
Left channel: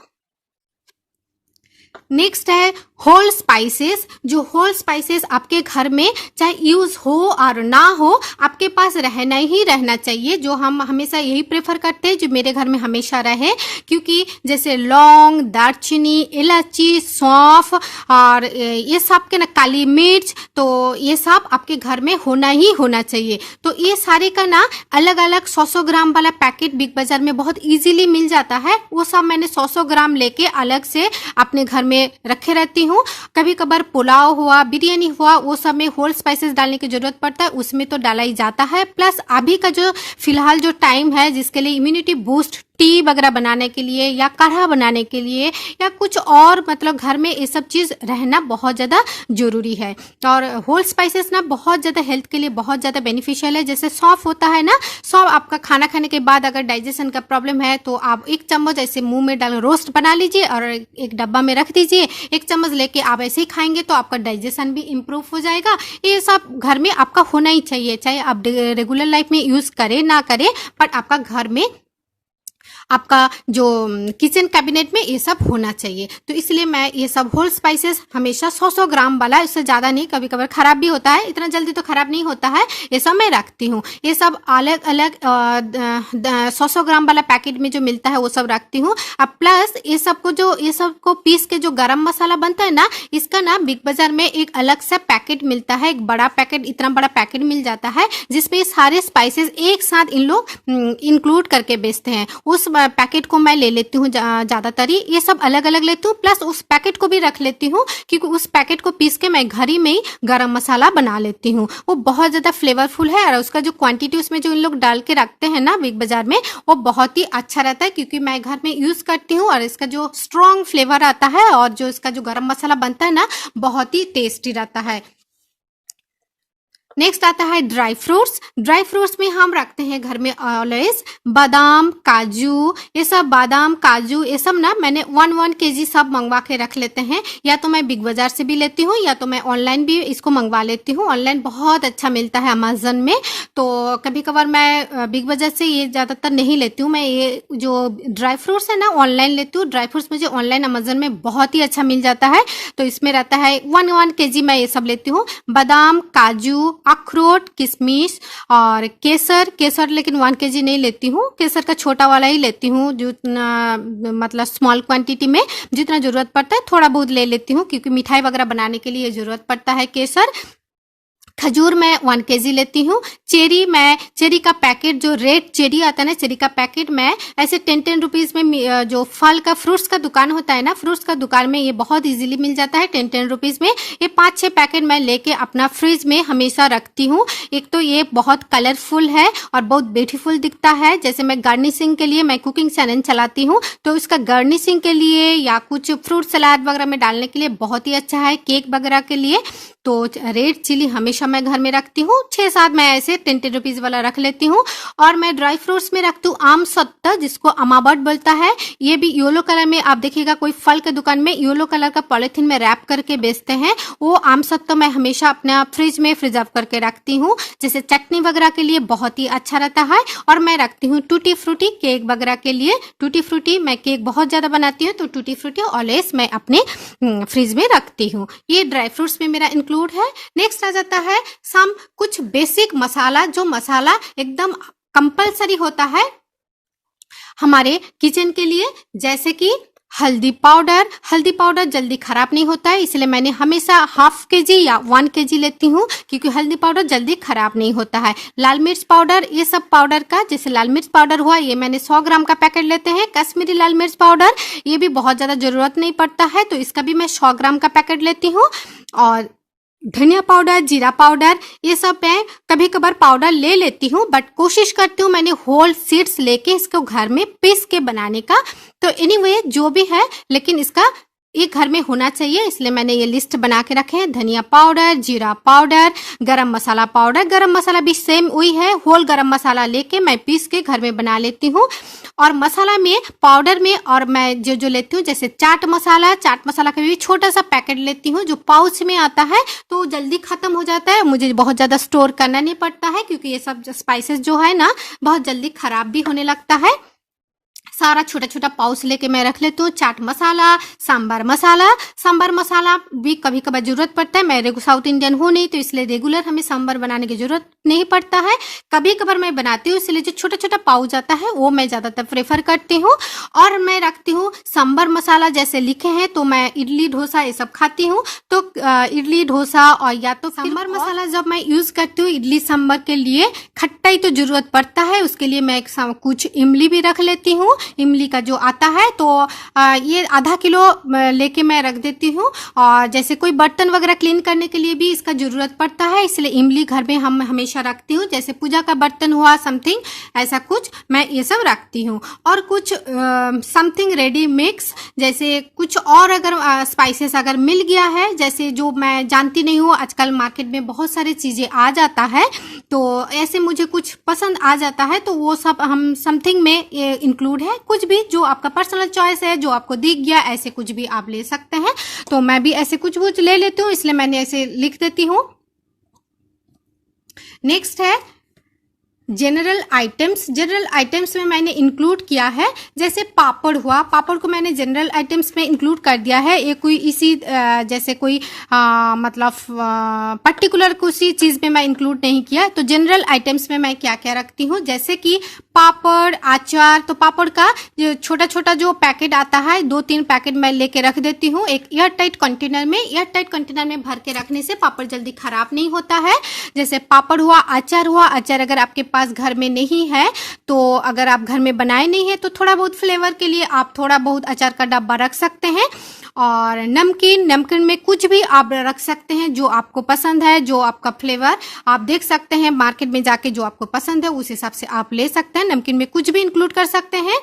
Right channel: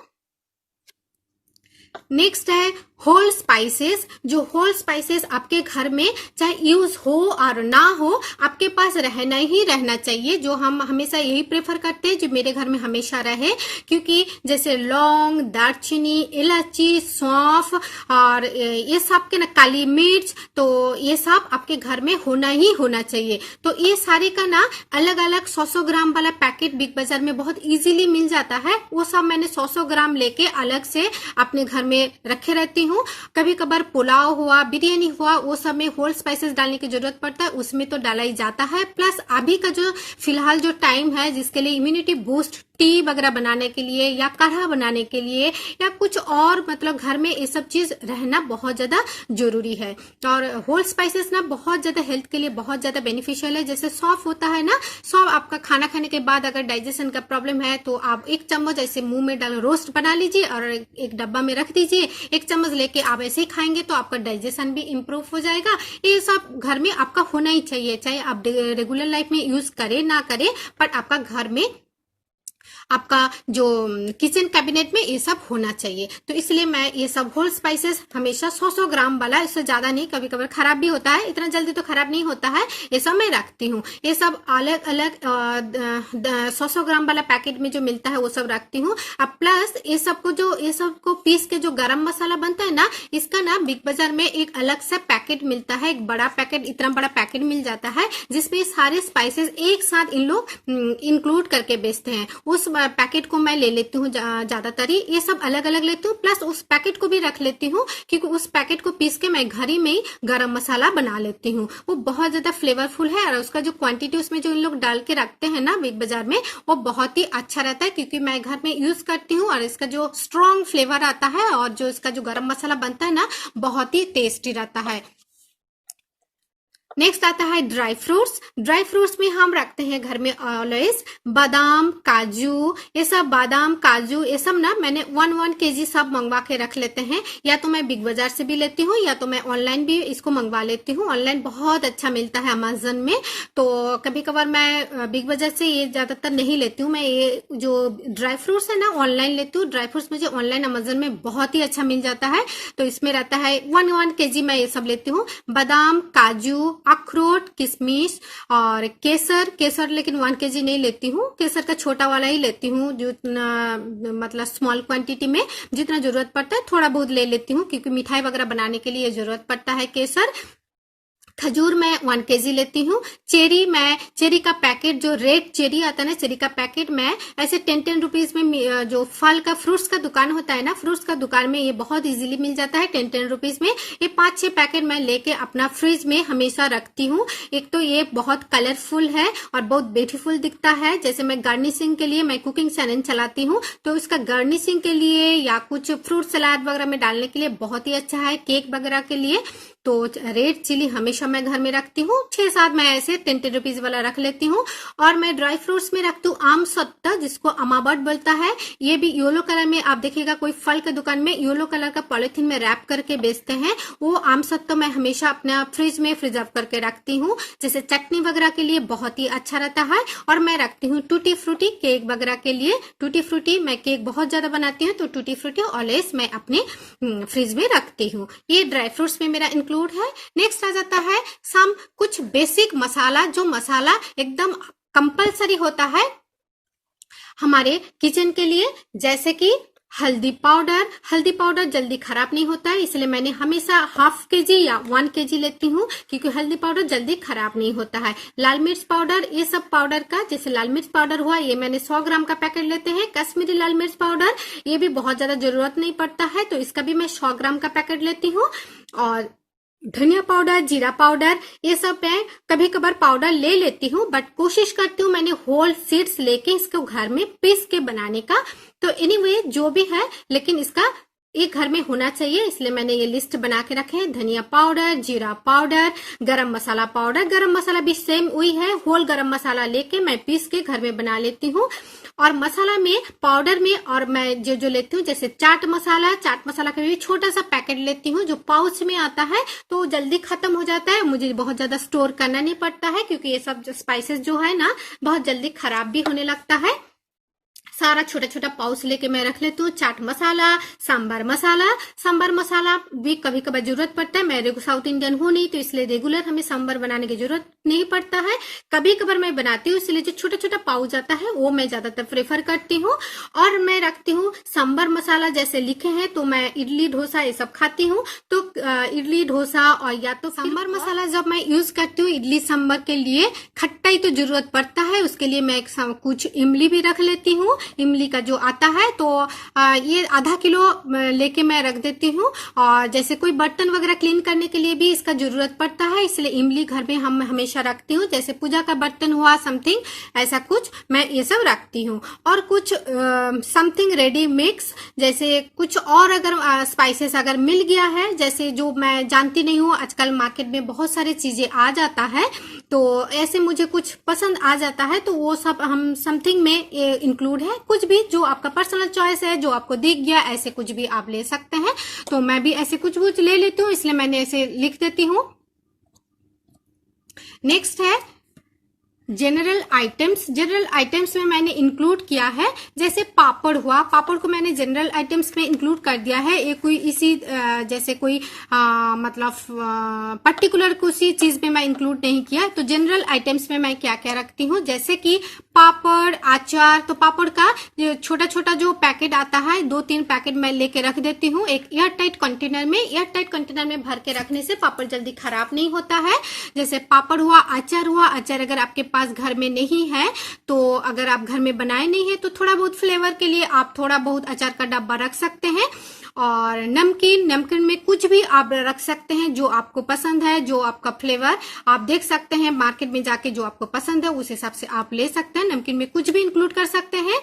नेक्स्ट है होल स्पाइसेस। जो होल स्पाइसेस आपके घर में चाहे यूज हो और ना हो, आपके पास रहना ही रहना चाहिए। जो हम हमेशा यही प्रेफर करते हैं, जो मेरे घर में हमेशा रहे, क्योंकि जैसे लौंग, दालचीनी, इलायची, सौंफ और ये सब के ना, काली मिर्च, तो ये सब आपके घर में होना ही होना चाहिए। तो ये सारे का ना अलग अलग 100-100 ग्राम वाला पैकेट बिग बाजार में बहुत इजीली मिल जाता है। वो सब मैंने 100-100 ग्राम लेके अलग से अपने घर में रखे रहती हूँ। कभी कभार पुलाव हुआ, बिरयानी हुआ, वो सब में होल स्पाइसेस डालने की जरूरत पड़ता है, उसमें तो डाला ही जाता है। प्लस अभी का जो फिलहाल जो टाइम है, जिसके लिए इम्यूनिटी बूस्ट टी वगैरह बनाने के लिए या काढ़ा बनाने के लिए या कुछ और, मतलब घर में ये सब चीज रहना बहुत ज्यादा जरूरी है। और होल स्पाइसेस ना बहुत ज्यादा हेल्थ के लिए बहुत ज्यादा बेनिफिशियल है। जैसे सौंफ होता है ना, सौंफ आपका खाना खाने के बाद अगर डाइजेशन का प्रॉब्लम है, तो आप 1 चम्मच ऐसे मुंह में डाल रोस्ट बना लीजिए और एक डब्बा में रख दीजिए। 1 चम्मच लेके आप ऐसे ही खाएंगे तो आपका डाइजेशन भी इम्प्रूव हो जाएगा। ये सब घर में आपका होना ही चाहिए, चाहे आप रेगुलर लाइफ में यूज करें ना करें, बट आपका घर में आपका जो किचन कैबिनेट में ये सब होना चाहिए। तो इसलिए मैं ये सब होल स्पाइसेस हमेशा 100-100 ग्राम वाला, इससे ज़्यादा नहीं, कभी कभार खराब भी होता है, इतना जल्दी तो खराब नहीं होता है, ये सब मैं रखती हूँ। ये सब अलग अलग 100-100 ग्राम वाला पैकेट में जो मिलता है वो सब रखती हूँ। अब प्लस ये सब को पीस के जो गरम मसाला बनता है ना, इसका ना बिग बाजार में एक अलग सा पैकेट मिलता है, एक बड़ा पैकेट, इतना बड़ा पैकेट मिल जाता है जिसमें सारे स्पाइसेस एक साथ इन लोग इंक्लूड करके बेचते हैं। उस पैकेट को मैं ले लेती हूँ ज़्यादातर ही, ये सब अलग अलग लेती हूँ, प्लस उस पैकेट को भी रख लेती हूँ क्योंकि उस पैकेट को पीस के मैं घर ही में ही गरम मसाला बना लेती हूँ। वो बहुत ज़्यादा फ्लेवरफुल है और उसका जो क्वांटिटी उसमें जो इन लोग डाल के रखते हैं ना बिग बाजार में, वो बहुत ही अच्छा रहता है क्योंकि मैं घर में यूज़ करती हूँ और इसका जो स्ट्रॉन्ग फ्लेवर आता है और जो इसका जो गरम मसाला बनता है ना, बहुत ही टेस्टी रहता है। नेक्स्ट आता है ड्राई फ्रूट्स। ड्राई फ्रूट्स में हम रखते हैं घर में ऑलवेज बादाम, काजू, ये सब बादाम काजू ये सब ना मैंने 1 kg सब मंगवा के रख लेते हैं। या तो मैं बिग बाजार से भी लेती हूँ या तो मैं ऑनलाइन भी इसको मंगवा लेती हूँ। ऑनलाइन बहुत अच्छा मिलता है अमेजन में, तो कभी कभार मैं बिग बाजार से ये ज़्यादातर नहीं लेती हूँ। मैं ये जो ड्राई फ्रूट्स है ना ऑनलाइन लेती हूँ। ड्राई फ्रूट्स मुझे ऑनलाइन अमेजन में बहुत ही अच्छा मिल जाता है, तो इसमें रहता है 1 kg मैं ये सब लेती हूँ। बादाम, काजू, अखरोट, किशमिश और केसर लेकिन 1 kg नहीं लेती हूँ, केसर का छोटा वाला ही लेती हूँ, जो मतलब स्मॉल क्वांटिटी में जितना जरूरत पड़ता है थोड़ा बहुत ले लेती हूँ क्योंकि मिठाई वगैरह बनाने के लिए जरूरत पड़ता है केसर। खजूर मैं 1 kg लेती हूँ। चेरी का पैकेट, जो रेड चेरी आता है ना, चेरी का पैकेट मैं ऐसे 10 रुपीज में, जो फल का फ्रूट्स का दुकान होता है ना, फ्रूट्स का दुकान में ये बहुत इजीली मिल जाता है 10 रुपीज में। ये 5-6 पैकेट मैं लेके अपना फ्रिज में हमेशा रखती हूँ। एक तो ये बहुत कलरफुल है और बहुत ब्यूटीफुल दिखता है। जैसे मैं गार्निशिंग के लिए मैं कुकिंग चैनल चलाती हूँ, तो इसका गार्निशिंग के लिए या कुछ फ्रूट सलाद वगैरह में डालने के लिए बहुत ही अच्छा है, केक वगैरह के लिए। तो रेड चिली हमेशा मैं घर में रखती हूँ, 6-7 मैं ऐसे 10 रुपीज वाला रख लेती हूँ। और मैं ड्राई फ्रूट्स में रखती हूँ आम सत्ता, जिसको अमाबट बोलता है। ये भी येलो कलर में, आप देखिएगा कोई फल के दुकान में येलो कलर का पॉलिथीन में रैप करके बेचते हैं। वो आम सत्ता मैं हमेशा अपना फ्रिज में प्रिजर्व करके रखती हूँ, जैसे चटनी वगैरह के लिए बहुत ही अच्छा रहता है। और मैं रखती हूँ टूटी फ्रूटी केक वगैरह के लिए। टूटी फ्रूटी मैं केक बहुत ज्यादा बनाती हूँ, तो टूटी फ्रूटी ऑलवेज मैं अपने फ्रिज में रखती हूँ। ये ड्राई फ्रूट्स में मेरा इंक्लूड है। नेक्स्ट आ जाता है कुछ बेसिक मसाला, जो मसाला एकदम कंपलसरी होता है हमारे किचन के लिए, जैसे कि हल्दी पाउडर जल्दी खराब नहीं होता है, इसलिए मैंने हमेशा 1/2 kg या 1 kg लेती हूँ क्योंकि हल्दी पाउडर जल्दी खराब नहीं होता है। लाल मिर्च पाउडर, ये सब पाउडर का, जैसे लाल मिर्च पाउडर हुआ, ये मैंने 100 ग्राम का पैकेट लेते हैं। कश्मीरी लाल मिर्च पाउडर, ये भी बहुत ज्यादा जरूरत नहीं पड़ता है, तो इसका भी मैं 100 ग्राम का पैकेट लेती हूँ। और धनिया पाउडर, जीरा पाउडर, ये सब मैं कभी कभार पाउडर ले लेती हूँ, बट कोशिश करती हूँ मैंने होल सीड्स लेके इसको घर में पीस के बनाने का। तो एनीवे जो भी है, लेकिन इसका ये घर में होना चाहिए, इसलिए मैंने ये लिस्ट बना के रखे हैं। धनिया पाउडर, जीरा पाउडर, गरम मसाला पाउडर, गरम मसाला भी सेम वही है, होल गरम मसाला लेके मैं पीस के घर में बना लेती हूँ। और मसाला में, पाउडर में, और मैं जो लेती हूँ, जैसे चाट मसाला का भी छोटा सा पैकेट लेती हूँ जो पाउच में आता है, तो जल्दी खत्म हो जाता है, मुझे बहुत ज्यादा स्टोर करना नहीं पड़ता है क्योंकि ये सब स्पाइसेस जो है ना बहुत जल्दी खराब भी होने लगता है। सारा छोटा छोटा पाउच लेके मैं रख लेती हूँ। चाट मसाला, सांबर मसाला भी कभी कभार जरूरत पड़ता है। मैं साउथ इंडियन हूँ नहीं, तो इसलिए रेगुलर हमें सांबर बनाने की जरूरत नहीं पड़ता है, कभी कभार मैं बनाती हूँ, इसलिए जो छोटा छोटा पाउच आता है वो मैं ज्यादातर प्रेफर करती हूँ। और मैं रखती हूँ सांबर मसाला, जैसे लिखे हैं, तो मैं इडली डोसा ये सब खाती हूँ, तो इडली डोसा और या तो सांबर मसाला जब मैं यूज करती हूँ इडली सांबर के लिए, खट्टाई तो जरूरत पड़ता है, उसके लिए मैं कुछ इमली भी रख लेती हूँ। इमली का जो आता है, तो ये आधा किलो लेके मैं रख देती हूँ। और जैसे कोई बर्तन वगैरह क्लीन करने के लिए भी इसका जरूरत पड़ता है, इसलिए इमली घर में हम हमेशा रखती हूँ। जैसे पूजा का बर्तन हुआ, समथिंग ऐसा कुछ मैं ये सब रखती हूँ। और कुछ समथिंग रेडी मिक्स, जैसे कुछ और अगर स्पाइसेस अगर मिल गया है, जैसे जो मैं जानती नहीं हूँ, आजकल मार्केट में बहुत सारी चीजें आ जाता है, तो ऐसे मुझे कुछ पसंद आ जाता है, तो वो सब हम समथिंग में इंक्लूड है। कुछ भी जो आपका पर्सनल चॉइस है, जो आपको दिख गया, ऐसे कुछ भी आप ले सकते हैं। तो मैं भी ऐसे कुछ ले लेती हूँ, इसलिए मैंने ऐसे लिख देती हूँ। नेक्स्ट है जनरल आइटम्स में मैंने इंक्लूड किया है, जैसे पापड़ हुआ, पापड़ को मैंने जनरल आइटम्स में इंक्लूड कर दिया है। ये कोई इसी जैसे कोई मतलब पर्टिकुलर किसी चीज में मैं इंक्लूड नहीं किया। तो जनरल आइटम्स में मैं क्या क्या रखती हूँ, जैसे कि पापड़, अचार। तो पापड़ का छोटा छोटा जो पैकेट आता है 2-3 पैकेट मैं लेके रख देती हूँ एक एयर टाइट कंटेनर में। एयर टाइट कंटेनर में भर के रखने से पापड़ जल्दी खराब नहीं होता है। जैसे पापड़ हुआ, अचार हुआ। अचार अगर आपके पास घर में नहीं है, तो अगर आप घर में बनाए नहीं है, तो थोड़ा बहुत फ्लेवर के लिए आप थोड़ा बहुत अचार का डब्बा रख सकते हैं। और नमकीन में कुछ भी आप रख सकते हैं जो आपको पसंद है, जो आपका फ्लेवर आप देख सकते हैं मार्केट में जाके, जो आपको पसंद है उस हिसाब से आप ले सकते हैं। नमकीन में कुछ भी इंक्लूड कर सकते हैं।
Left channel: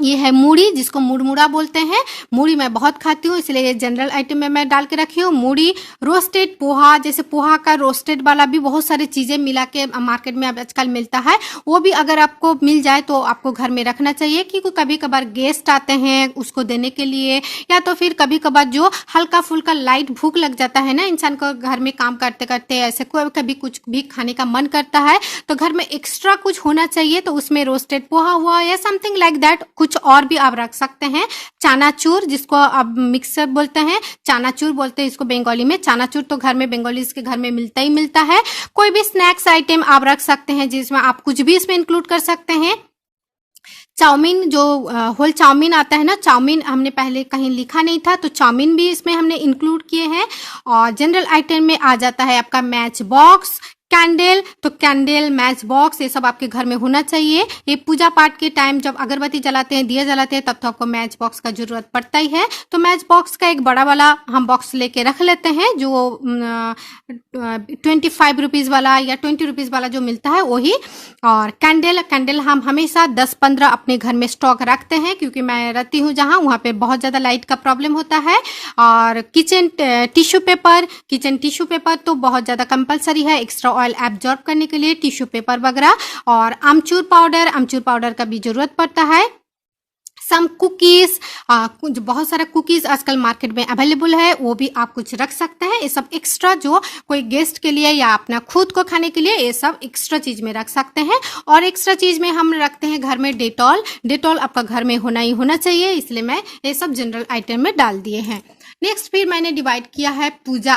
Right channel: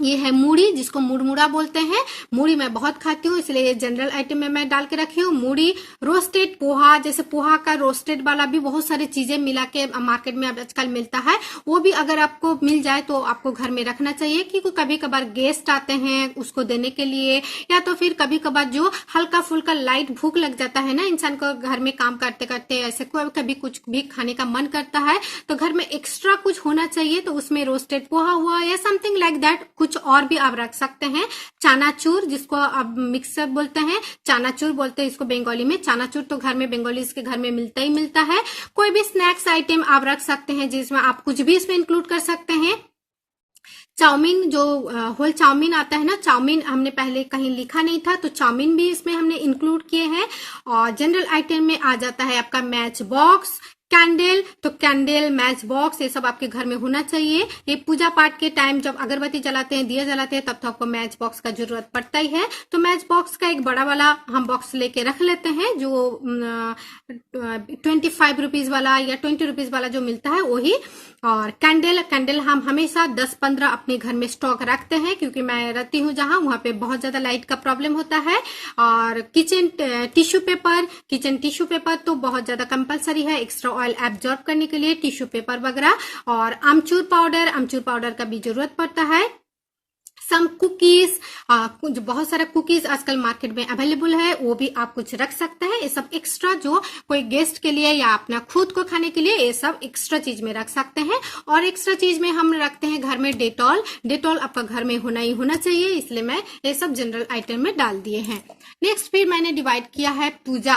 ये है मूढ़ी, जिसको मुड़मुड़ा बोलते हैं। मूढ़ी मैं बहुत खाती हूँ, इसलिए ये जनरल आइटम में मैं डाल के रखी हूँ। मूढ़ी, रोस्टेड पोहा, जैसे पोहा का रोस्टेड वाला भी बहुत सारी चीजें मिला के मार्केट में अब आजकल मिलता है, वो भी अगर आपको मिल जाए तो आपको घर में रखना चाहिए, क्योंकि कभी कभार गेस्ट आते हैं उसको देने के लिए, या तो फिर कभी कभार जो हल्का फुल्का लाइट भूख लग जाता है ना इंसान को, घर में काम करते करते ऐसे कभी कुछ भी खाने का मन करता है, तो घर में एक्स्ट्रा कुछ होना चाहिए। तो उसमें रोस्टेड पोहा हुआ या समथिंग लाइक दैट, कुछ और भी आप रख सकते हैं। चनाचूर, जिसको आप मिक्सर बोलते हैं, चनाचूर बोलते हैं इसको बंगाली में। चनाचूर तो घर में बंगालीज के घर में मिलता ही मिलता है। कोई भी स्नैक्स आइटम आप रख सकते हैं जिसमें आप कुछ भी इसमें इंक्लूड कर सकते हैं। चाउमीन, जो होल चाउमीन आता है ना, चाउमीन हमने पहले कहीं लिखा नहीं था, तो चाउमीन भी इसमें हमने इंक्लूड किए हैं। और जनरल आइटम में आ जाता है आपका मैच बॉक्स, कैंडल। तो कैंडल, मैच बॉक्स, ये सब आपके घर में होना चाहिए। ये पूजा पाठ के टाइम जब अगरबत्ती जलाते हैं, दिया जलाते हैं, तब तो आपको मैच बॉक्स का जरूरत पड़ता ही है। तो मैच बॉक्स का एक बड़ा वाला हम बॉक्स लेके रख लेते हैं, जो 25 रुपीज वाला या 20 रुपीज वाला जो मिलता है वही। और कैंडल हम हमेशा 10-15 अपने घर में स्टॉक रखते हैं, क्योंकि मैं रहती हूँ जहाँ, वहाँ पे बहुत ज्यादा लाइट का प्रॉब्लम होता है। और किचन टिश्यू पेपर तो बहुत ज्यादा कंपलसरी है एक्स्ट्रा ऑयल एब्जॉर्ब करने के लिए, टिश्यू पेपर वगैरह। और आमचूर पाउडर का भी जरूरत पड़ता है। सम कुकीज, कुछ बहुत सारा कुकीज आजकल मार्केट में अवेलेबल है, वो भी आप कुछ रख सकते हैं। ये सब एक्स्ट्रा जो कोई गेस्ट के लिए या अपना खुद को खाने के लिए, ये सब एक्स्ट्रा चीज में रख सकते हैं। और एक्स्ट्रा चीज में हम रखते हैं घर में डेटॉल आपका घर में होना ही होना चाहिए, इसलिए मैं ये सब जनरल आइटम में डाल दिए हैं। नेक्स्ट फिर मैंने डिवाइड किया है पूजा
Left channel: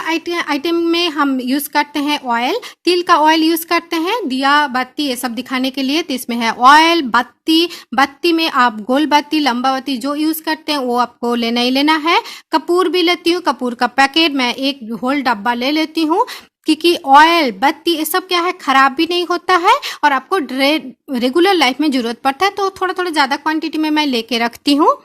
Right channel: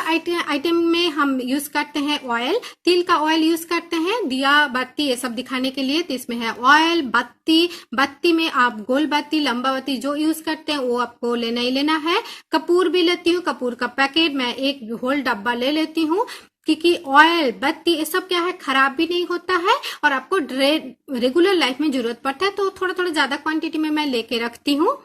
आइटम में हम यूज करते हैं ऑयल, तिल का ऑयल यूज करते हैं, दिया बत्ती ये सब दिखाने के लिए। तो इसमें है ऑयल, बत्ती में आप गोल बत्ती, लंबा बत्ती जो यूज करते हैं वो आपको लेना ही लेना है। कपूर भी लेती हूँ, कपूर का पैकेट मैं एक होल डब्बा ले लेती हूँ, क्योंकि ऑयल, बत्ती ये सब क्या है, खराब भी नहीं होता है और आपको रेगुलर लाइफ में जरूरत पड़ता है, तो थोड़ा थोड़ा ज्यादा क्वांटिटी में मैं लेके रखती हूँ।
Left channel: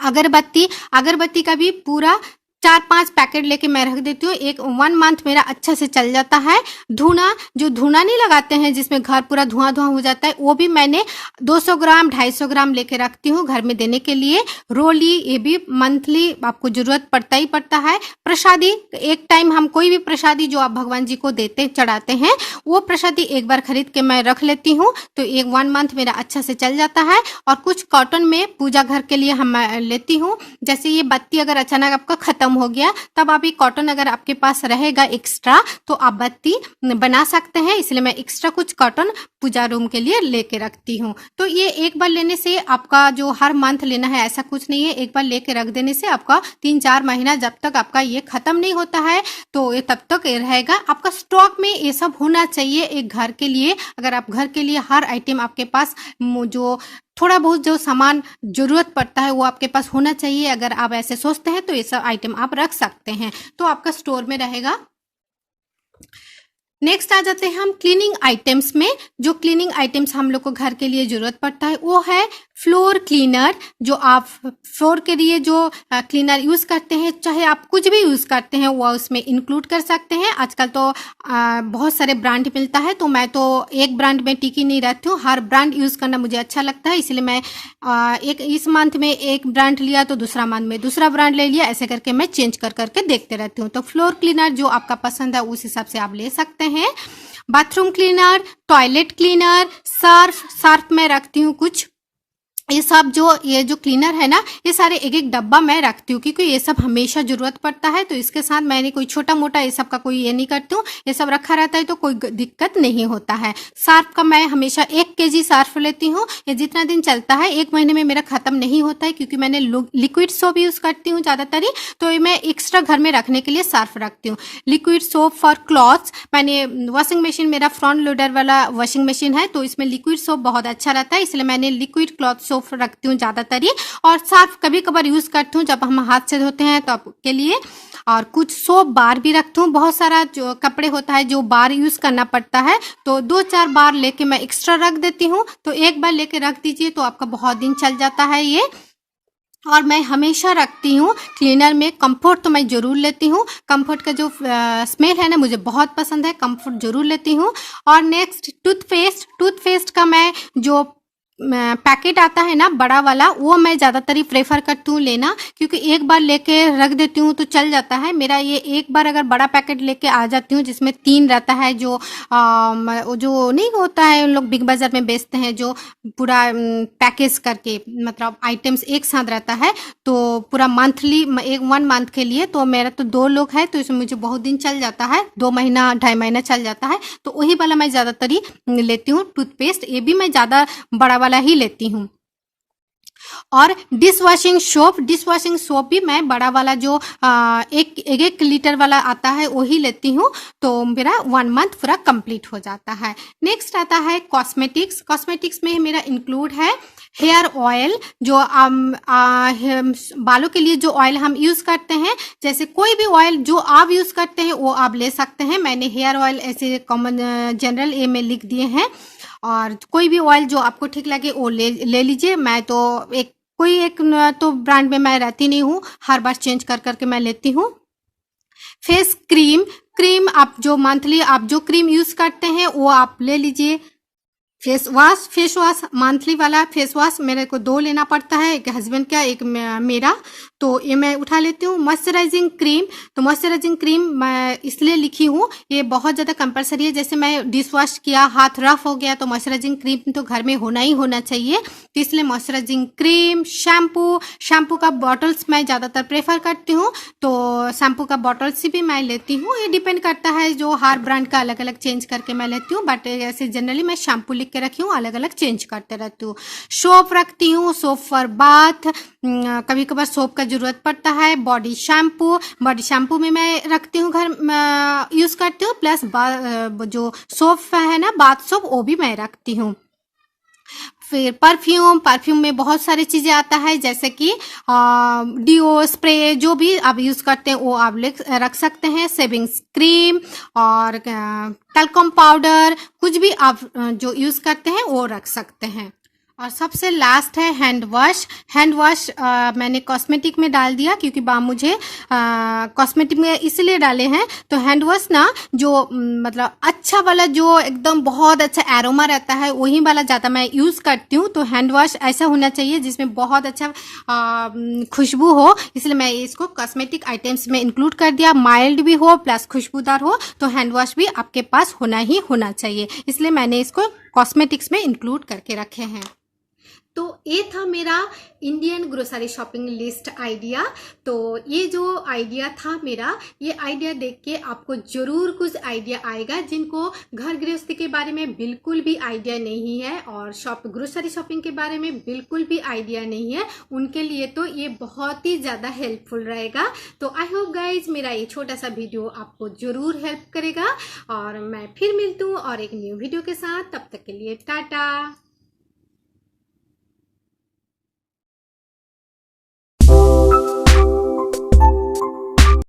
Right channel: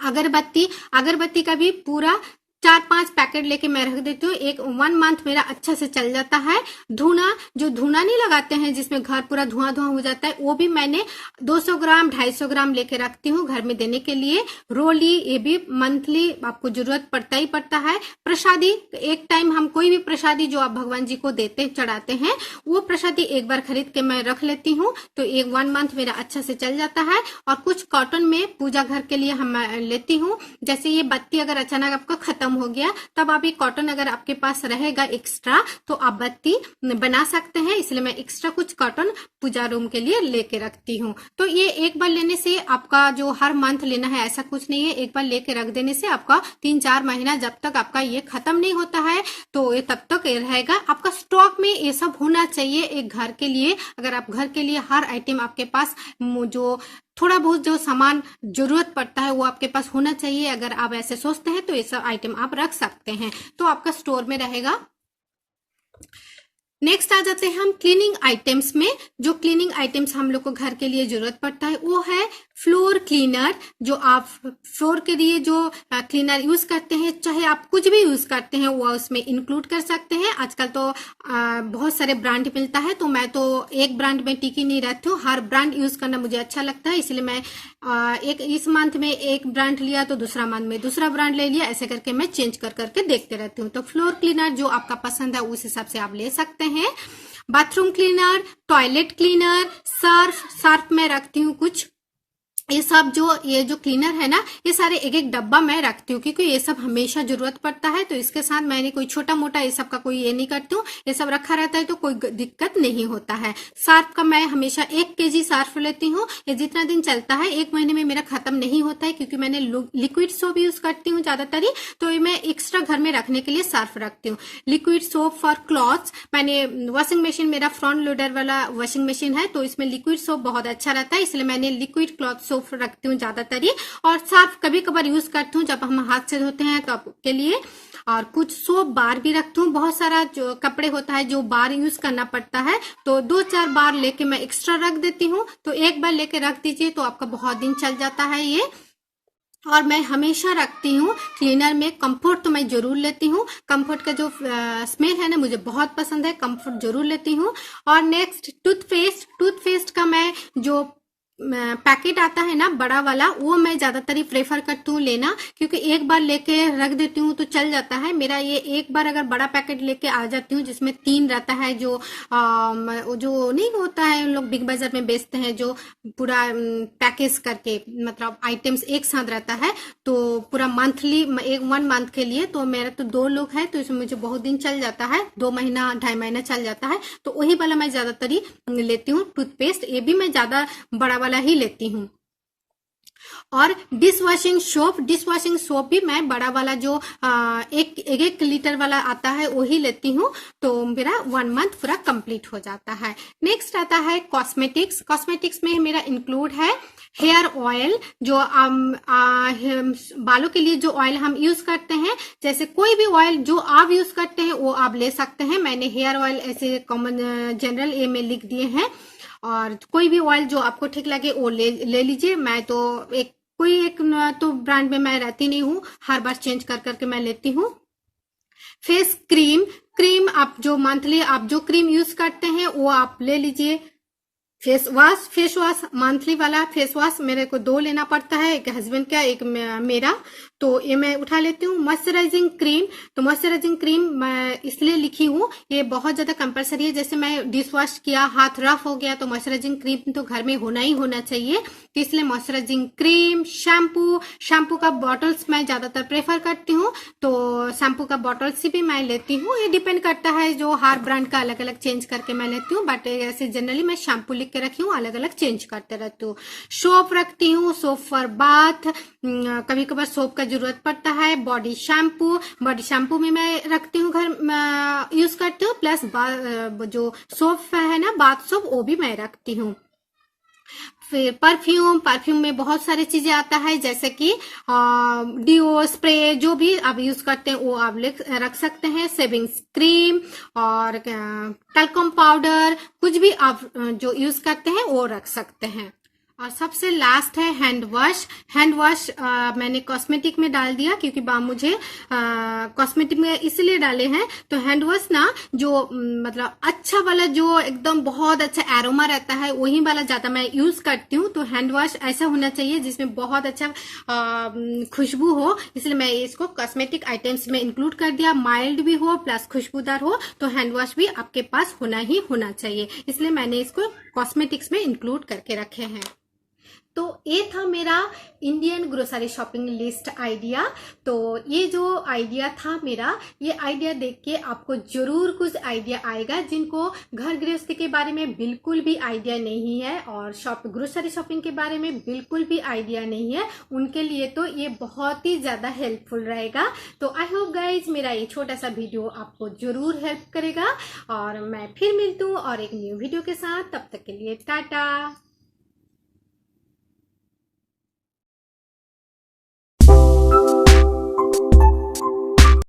अगरबत्ती का भी पूरा 4-5 पैकेट लेके मैं रख देती हूँ। 1 मंथ मेरा अच्छा से चल जाता है। धुना नहीं लगाते हैं जिसमें घर पूरा धुआं हो जाता है, वो भी मैंने 200 ग्राम 250 ग्राम लेके रखती हूँ घर में देने के लिए। रोली, ये भी मंथली आपको जरूरत पड़ता ही पड़ता है। प्रसादी, एक टाइम हम कोई भी प्रसादी जो आप भगवान जी को देते चढ़ाते हैं, वो प्रसादी एक बार खरीद के मैं रख लेती हूँ, तो 1 मंथ मेरा अच्छा से चल जाता है। और कुछ कॉटन में पूजा घर के लिए हम लेती हूँ, जैसे ये बत्ती अगर अचानक आपका खत्म हो गया, तब आप ये कॉटन अगर आपके पास रहेगा एक्स्ट्रा, तो आप बत्ती बना सकते हैं, इसलिए मैं एक्स्ट्रा कुछ कॉटन पूजा रूम के लिए लेके रखती हूँ। तो ये एक बार लेने से आपका जो हर मंथ लेना है ऐसा कुछ नहीं है, एक बार लेके रख देने से आपका 3-4 महीना जब तक आपका ये खत्म नहीं होता है, तो ये तब तक ये रहेगा। आपका स्टॉक में ये सब होना चाहिए एक घर के लिए। अगर आप घर के लिए हर आइटम आपके पास जो थोड़ा बहुत जो सामान जरूरत पड़ता है वो आपके पास होना चाहिए, अगर आप ऐसे सोचते हैं तो ये सब आइटम आप रख सकते हैं, तो आपका स्टोर में रहेगा। नेक्स्ट आ जाते हैं हम क्लीनिंग आइटम्स में। जो क्लीनिंग आइटम्स हम लोग को घर के लिए जरूरत पड़ता है वो है फ्लोर क्लीनर। जो आप फ्लोर के लिए जो क्लीनर यूज करते हैं, चाहे आप कुछ भी यूज करते हैं वो उसमें इंक्लूड कर सकते हैं। आजकल तो बहुत सारे ब्रांड मिलता है, तो मैं तो एक ब्रांड में टिकी नहीं रहती हूँ, हर ब्रांड यूज करना मुझे अच्छा लगता है, इसलिए मैं इस मंथ में एक ब्रांड लिया तो दूसरा मंथ में दूसरा ब्रांड ले लिया, ऐसे करके मैं चेंज कर करके देखते रहती हूँ। तो फ्लोर क्लीनर जो आपका पसंद है उस हिसाब से आप ले सकते हैं। Bathroom cleaner, toilet cleaner, Surf में रखती हूँ कुछ ये सब ये जो क्लीनर है ना, ये सारे एक एक डब्बा मैं रखती हूँ, क्योंकि ये सब हमेशा जरूरत पड़ता है। तो इसके साथ मैंने कोई छोटा मोटा ये सब का कोई ये नहीं करती हूँ, ये सब रखा रहता है तो कोई दिक्कत नहीं होता है। सर्फ का मैं हमेशा 1 kg सर्फ लेती हूँ, ये जितना दिन चलता है 1 महीने में मेरा खत्म नहीं होता है, क्योंकि मैंने लिक्विड सोप यूज करती हूँ ज्यादातर ही, तो मैं एक्स्ट्रा घर में रखने के लिए सर्फ रखती हूँ। लिक्विड सोप फॉर क्लॉथ्स, मैंने वॉशिंग मशीन, मेरा फ्रंट लोडर वाला वॉशिंग मशीन है, तो इसमें लिक्विड सोप बहुत अच्छा रहता है, इसलिए मैंने लिक्विड क्लॉथ सोप रखती हूँ ज्यादातर ही। और सर्फ कभी कभार यूज करती हूँ जब हम हाथ से धोते हैं तब के लिए। और कुछ सोप बार भी रखती हूँ, बहुत सारा जो कपड़े होता है जो बार यूज करना पड़ता है, तो 2-4 बार लेके मैं एक्स्ट्रा रख देती हूँ। तो एक बार लेके रख दीजिए तो आपका बहुत दिन चल जाता है ये। और मैं हमेशा रखती हूँ क्लीनर में कंफर्ट, तो मैं जरूर लेती हूँ। कंफर्ट का जो स्मेल है ना मुझे बहुत पसंद है, कंफर्ट जरूर लेती हूँ। और नेक्स्ट टूथपेस्ट का मैं जो पैकेट आता है ना बड़ा वाला, वो मैं ज़्यादातर ही प्रेफर करती हूँ लेना, क्योंकि एक बार लेके रख देती हूँ तो चल जाता है मेरा। ये एक बार अगर बड़ा पैकेट लेके आ जाती हूँ जिसमें 3 रहता है, जो जो नहीं होता है उन लोग बिग बाजार में बेचते हैं, जो पूरा पैकेज करके मतलब आइटम्स एक साथ रहता है, तो पूरा मंथली 1 मंथ के लिए, तो मेरा तो 2 लोग है तो इसमें मुझे बहुत दिन चल जाता है, 2 महीना 2.5 महीना चल जाता है। तो वही वाला मैं ज़्यादातर ही लेती हूँ टूथपेस्ट, ये भी मैं ज़्यादा बड़ा वाला ही लेती हूँ। और डिश वॉशिंग सोप भी मैं बड़ा वाला जो एक लीटर वाला आता है वही लेती हूँ, तो मेरा 1 मंथ पूरा कंप्लीट हो जाता है। नेक्स्ट आता है कॉस्मेटिक्स में मेरा इंक्लूड है हेयर ऑयल, जो बालों के लिए जो ऑयल हम यूज करते हैं, जैसे कोई भी ऑयल जो आप यूज करते हैं वो आप ले सकते हैं। मैंने हेयर ऑयल ऐसे कॉमन जनरल ए में लिख दिए हैं, और कोई भी ऑयल जो आपको ठीक लगे वो ले लीजिए। मैं तो कोई एक तो ब्रांड में मैं रहती नहीं हूँ, हर बार चेंज कर करके मैं लेती हूँ। फेस क्रीम आप जो मंथली आप जो क्रीम यूज करते हैं वो आप ले लीजिए। फेस वॉश मंथली वाला फेस वॉश मेरे को 2 लेना पड़ता है, एक हस्बैंड का एक मेरा, तो ये मैं उठा लेती हूँ। मॉइस्चराइजिंग क्रीम, तो मॉइस्चराइजिंग क्रीम मैं इसलिए लिखी हूँ, ये बहुत ज़्यादा कंपलसरी है। जैसे मैं डिश वॉश किया, हाथ रफ हो गया, तो मॉइस्चराइजिंग क्रीम तो घर में होना ही होना चाहिए, तो इसलिए मॉइस्चराइजिंग क्रीम। शैम्पू का बॉटल्स मैं ज़्यादातर प्रेफर करती हूँ, तो शैम्पू का बॉटल्स भी मैं लेती हूँ। ये डिपेंड करता है, जो हर ब्रांड का अलग अलग चेंज करके मैं लेती हूँ, बट ऐसे जनरली मैं शैम्पू लिख के रखी हूँ, अलग अलग चेंज करते रहती हूँ। सोप रखती हूँ, सोप फॉर बाथ, कभी कभार सोप का जरूरत पड़ता है। बॉडी शैम्पू में मैं रखती हूँ, घर यूज करती हूँ, प्लस जो सोप है ना बाथ सोप, वो भी मैं रखती हूँ। फिर परफ्यूम में बहुत सारी चीजें आता है, जैसे कि डिओ, स्प्रे, जो भी आप यूज करते हैं वो आप रख सकते हैं। शेविंग क्रीम और टैल्कम पाउडर, कुछ भी आप जो यूज करते हैं वो रख सकते हैं। और सबसे लास्ट है हैंड वॉश मैंने कॉस्मेटिक में डाल दिया, क्योंकि मुझे कॉस्मेटिक में इसलिए डाले हैं। तो हैंड वॉश ना जो मतलब अच्छा वाला, जो एकदम बहुत अच्छा एरोमा रहता है, वही वाला ज़्यादा मैं यूज़ करती हूँ। तो हैंड वॉश ऐसा होना चाहिए जिसमें बहुत अच्छा खुशबू हो, इसलिए मैं इसको कॉस्मेटिक आइटम्स में इंक्लूड कर दिया। माइल्ड भी हो प्लस खुशबूदार हो, तो हैंड वॉश भी आपके पास होना ही होना चाहिए, इसलिए मैंने इसको कॉस्मेटिक्स में इंक्लूड करके रखे हैं। तो ये था मेरा Indian grocery shopping list idea. तो ये जो आइडिया था मेरा, ये आइडिया देख के आपको जरूर कुछ आइडिया आएगा। जिनको घर गृहस्थी के बारे में बिल्कुल भी आइडिया नहीं है और ग्रोसरी शॉपिंग के बारे में बिल्कुल भी आइडिया नहीं है, उनके लिए तो ये बहुत ही ज़्यादा हेल्पफुल रहेगा। तो आई होप गाइज मेरा ये छोटा सा वीडियो आपको जरूर हेल्प करेगा, और मैं फिर मिलती हूँ और एक न्यू वीडियो के साथ। तब तक के लिए टाटा।